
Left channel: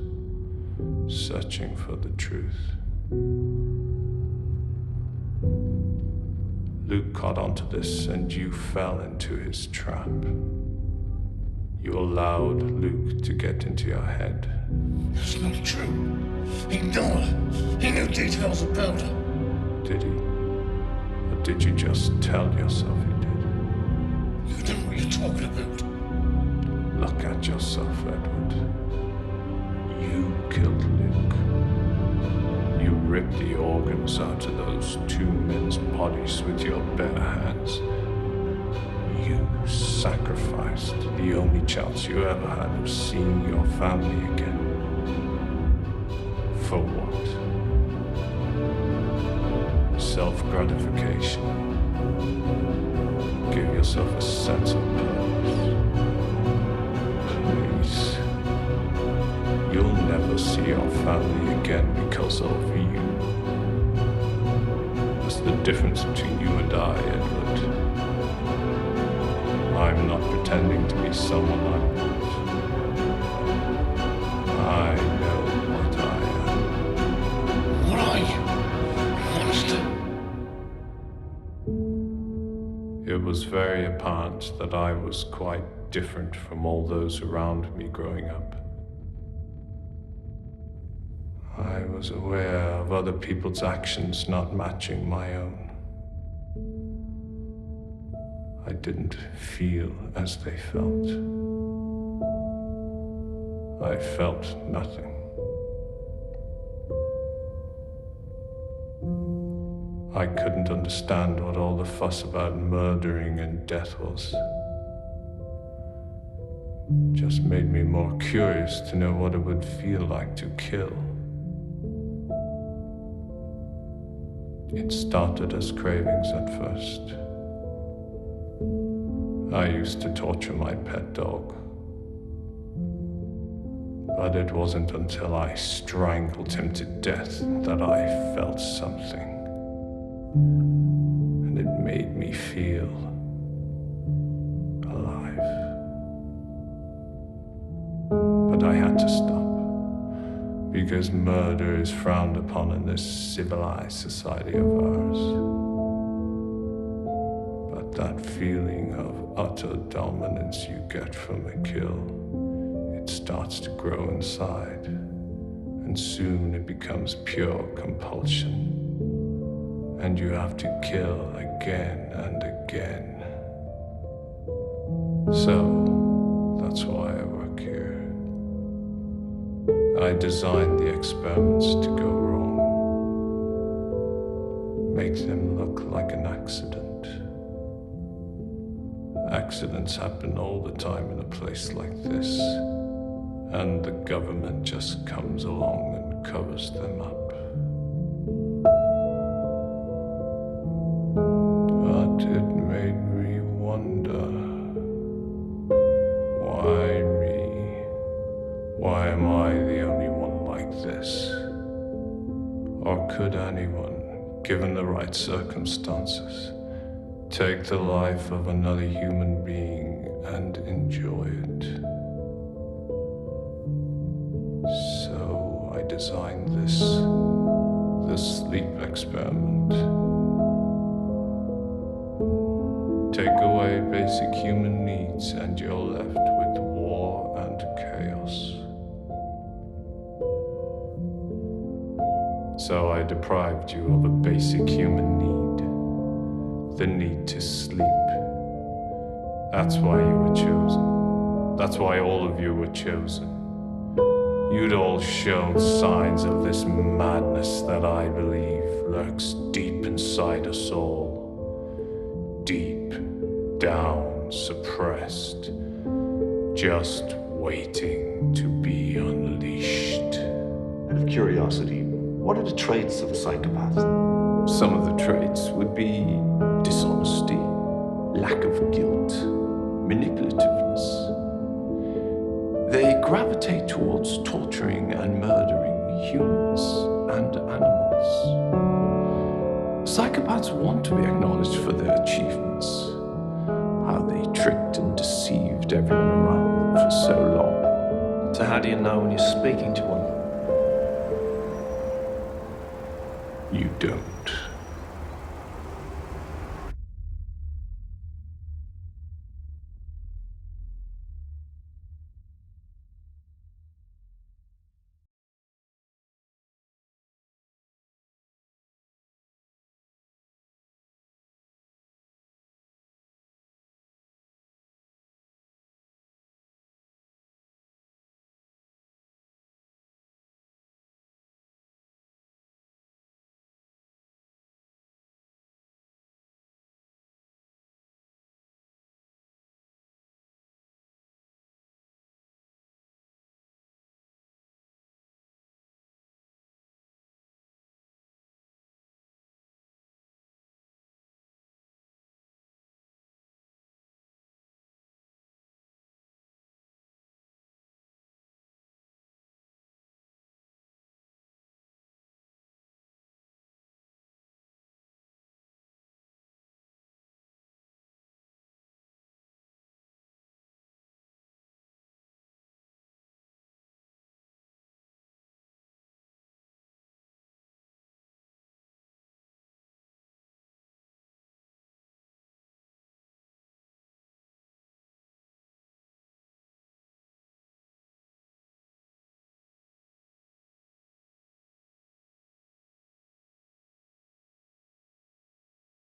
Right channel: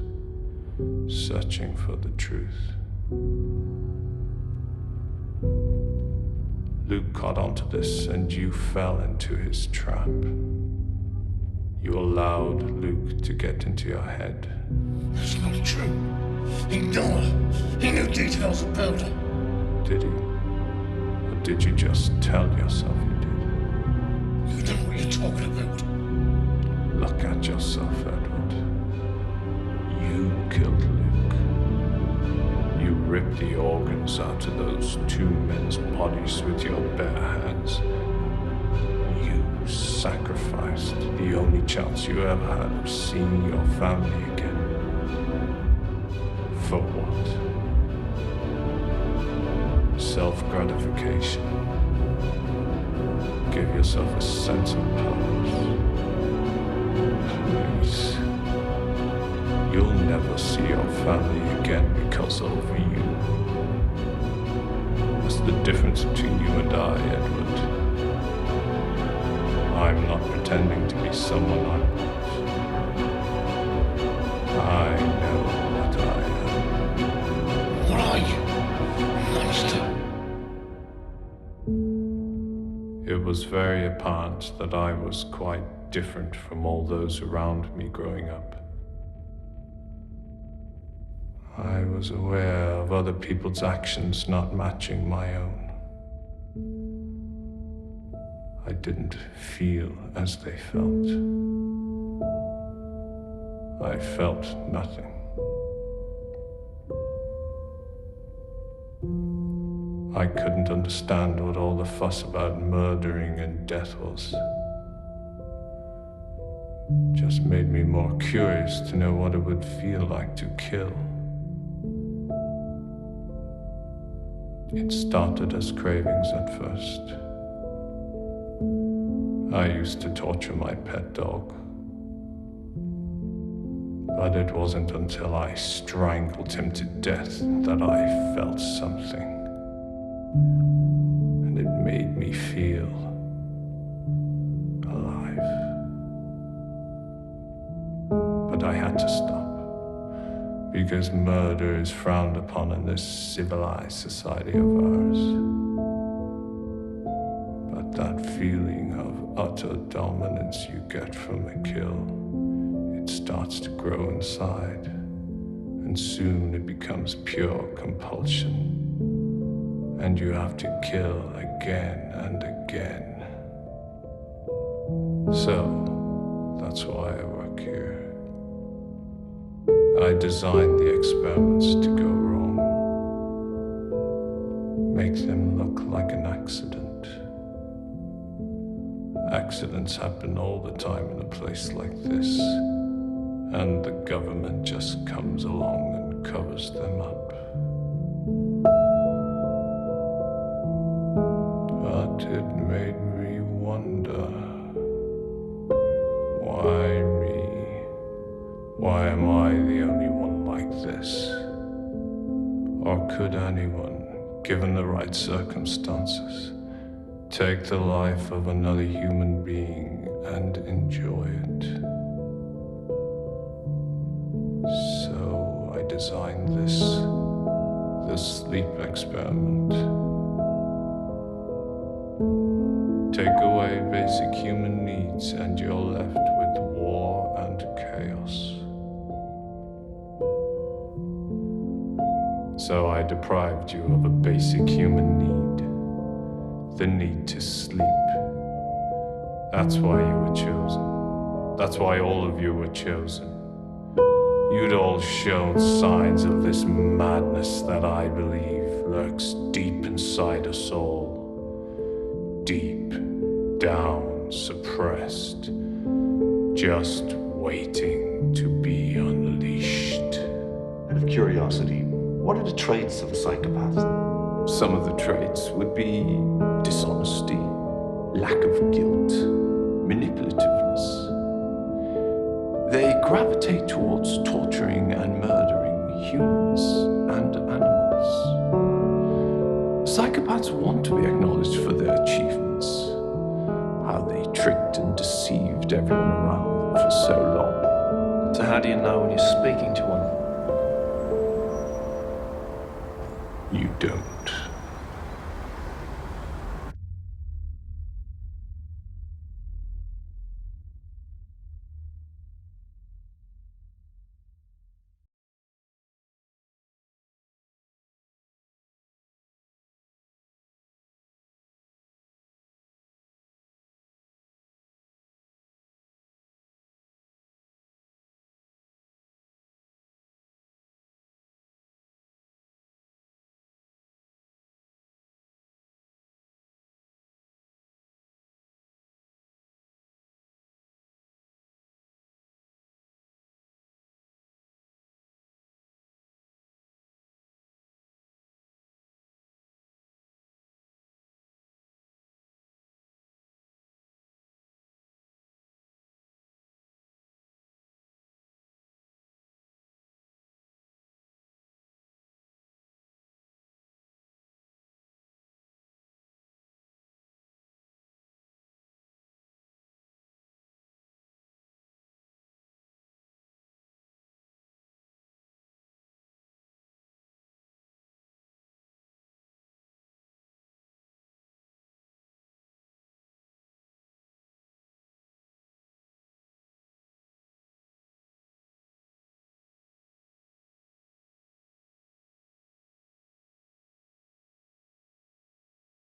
searching for the truth. Luke caught onto this and you fell into his trap. You allowed Luke to get into your head. That's not true. He knew her. He knew details about her. Did he? Or did you just tell yourself he did? You know what you're talking about. Look at yourself, Edward. You killed Luke. You ripped the organs out of those two men's bodies with your bare hands. You sacrificed the only chance you ever had of seeing your family again. For what? Self-gratification. Give yourself a sense of purpose. Please. You'll never see your family again because of you. That's the difference between you and I, Edward. I'm not pretending to be someone I'm not. I know what I am. What are you? A monster? It was very apparent that I was quite different from all those around me growing up. I was aware of other people's actions not matching my own. I didn't feel as they felt. I felt nothing. I couldn't understand what all the fuss about murdering and death was. Just made me more curious to know what it would feel like to kill. It started as cravings at first. I used to torture my pet dog. But it wasn't until I strangled him to death that I felt something. And it made me feel alive. But I had to stop. Because murder is frowned upon in this civilized society of ours. But that feeling of utter dominance you get from a kill, it starts to grow inside, and soon it becomes pure compulsion. And you have to kill again and again. So, that's why I work here. I designed the experiments to go wrong. Make them look like an accident. Accidents happen all the time in a place like this, and the government just comes along and covers them up. But it made me wonder, why me? Why am I the only one like this? Or could anyone, given the right circumstances, Take the life of another human being and enjoy it. So I designed this sleep experiment. Take away basic human needs and you're left with war and chaos. So I deprived you of a basic human need. The need to sleep. That's why you were chosen. That's why all of you were chosen. You'd all shown signs of this madness that I believe lurks deep inside us all. Deep down, suppressed, just waiting to be unleashed. Out of curiosity, what are the traits of a psychopath? Some of the traits would be dishonesty, lack of guilt, manipulativeness. They gravitate towards torturing and murdering humans and animals. Psychopaths want to be acknowledged for their achievements, how they tricked and deceived everyone around them for so long. So how do you know when you're speaking to one? You don't.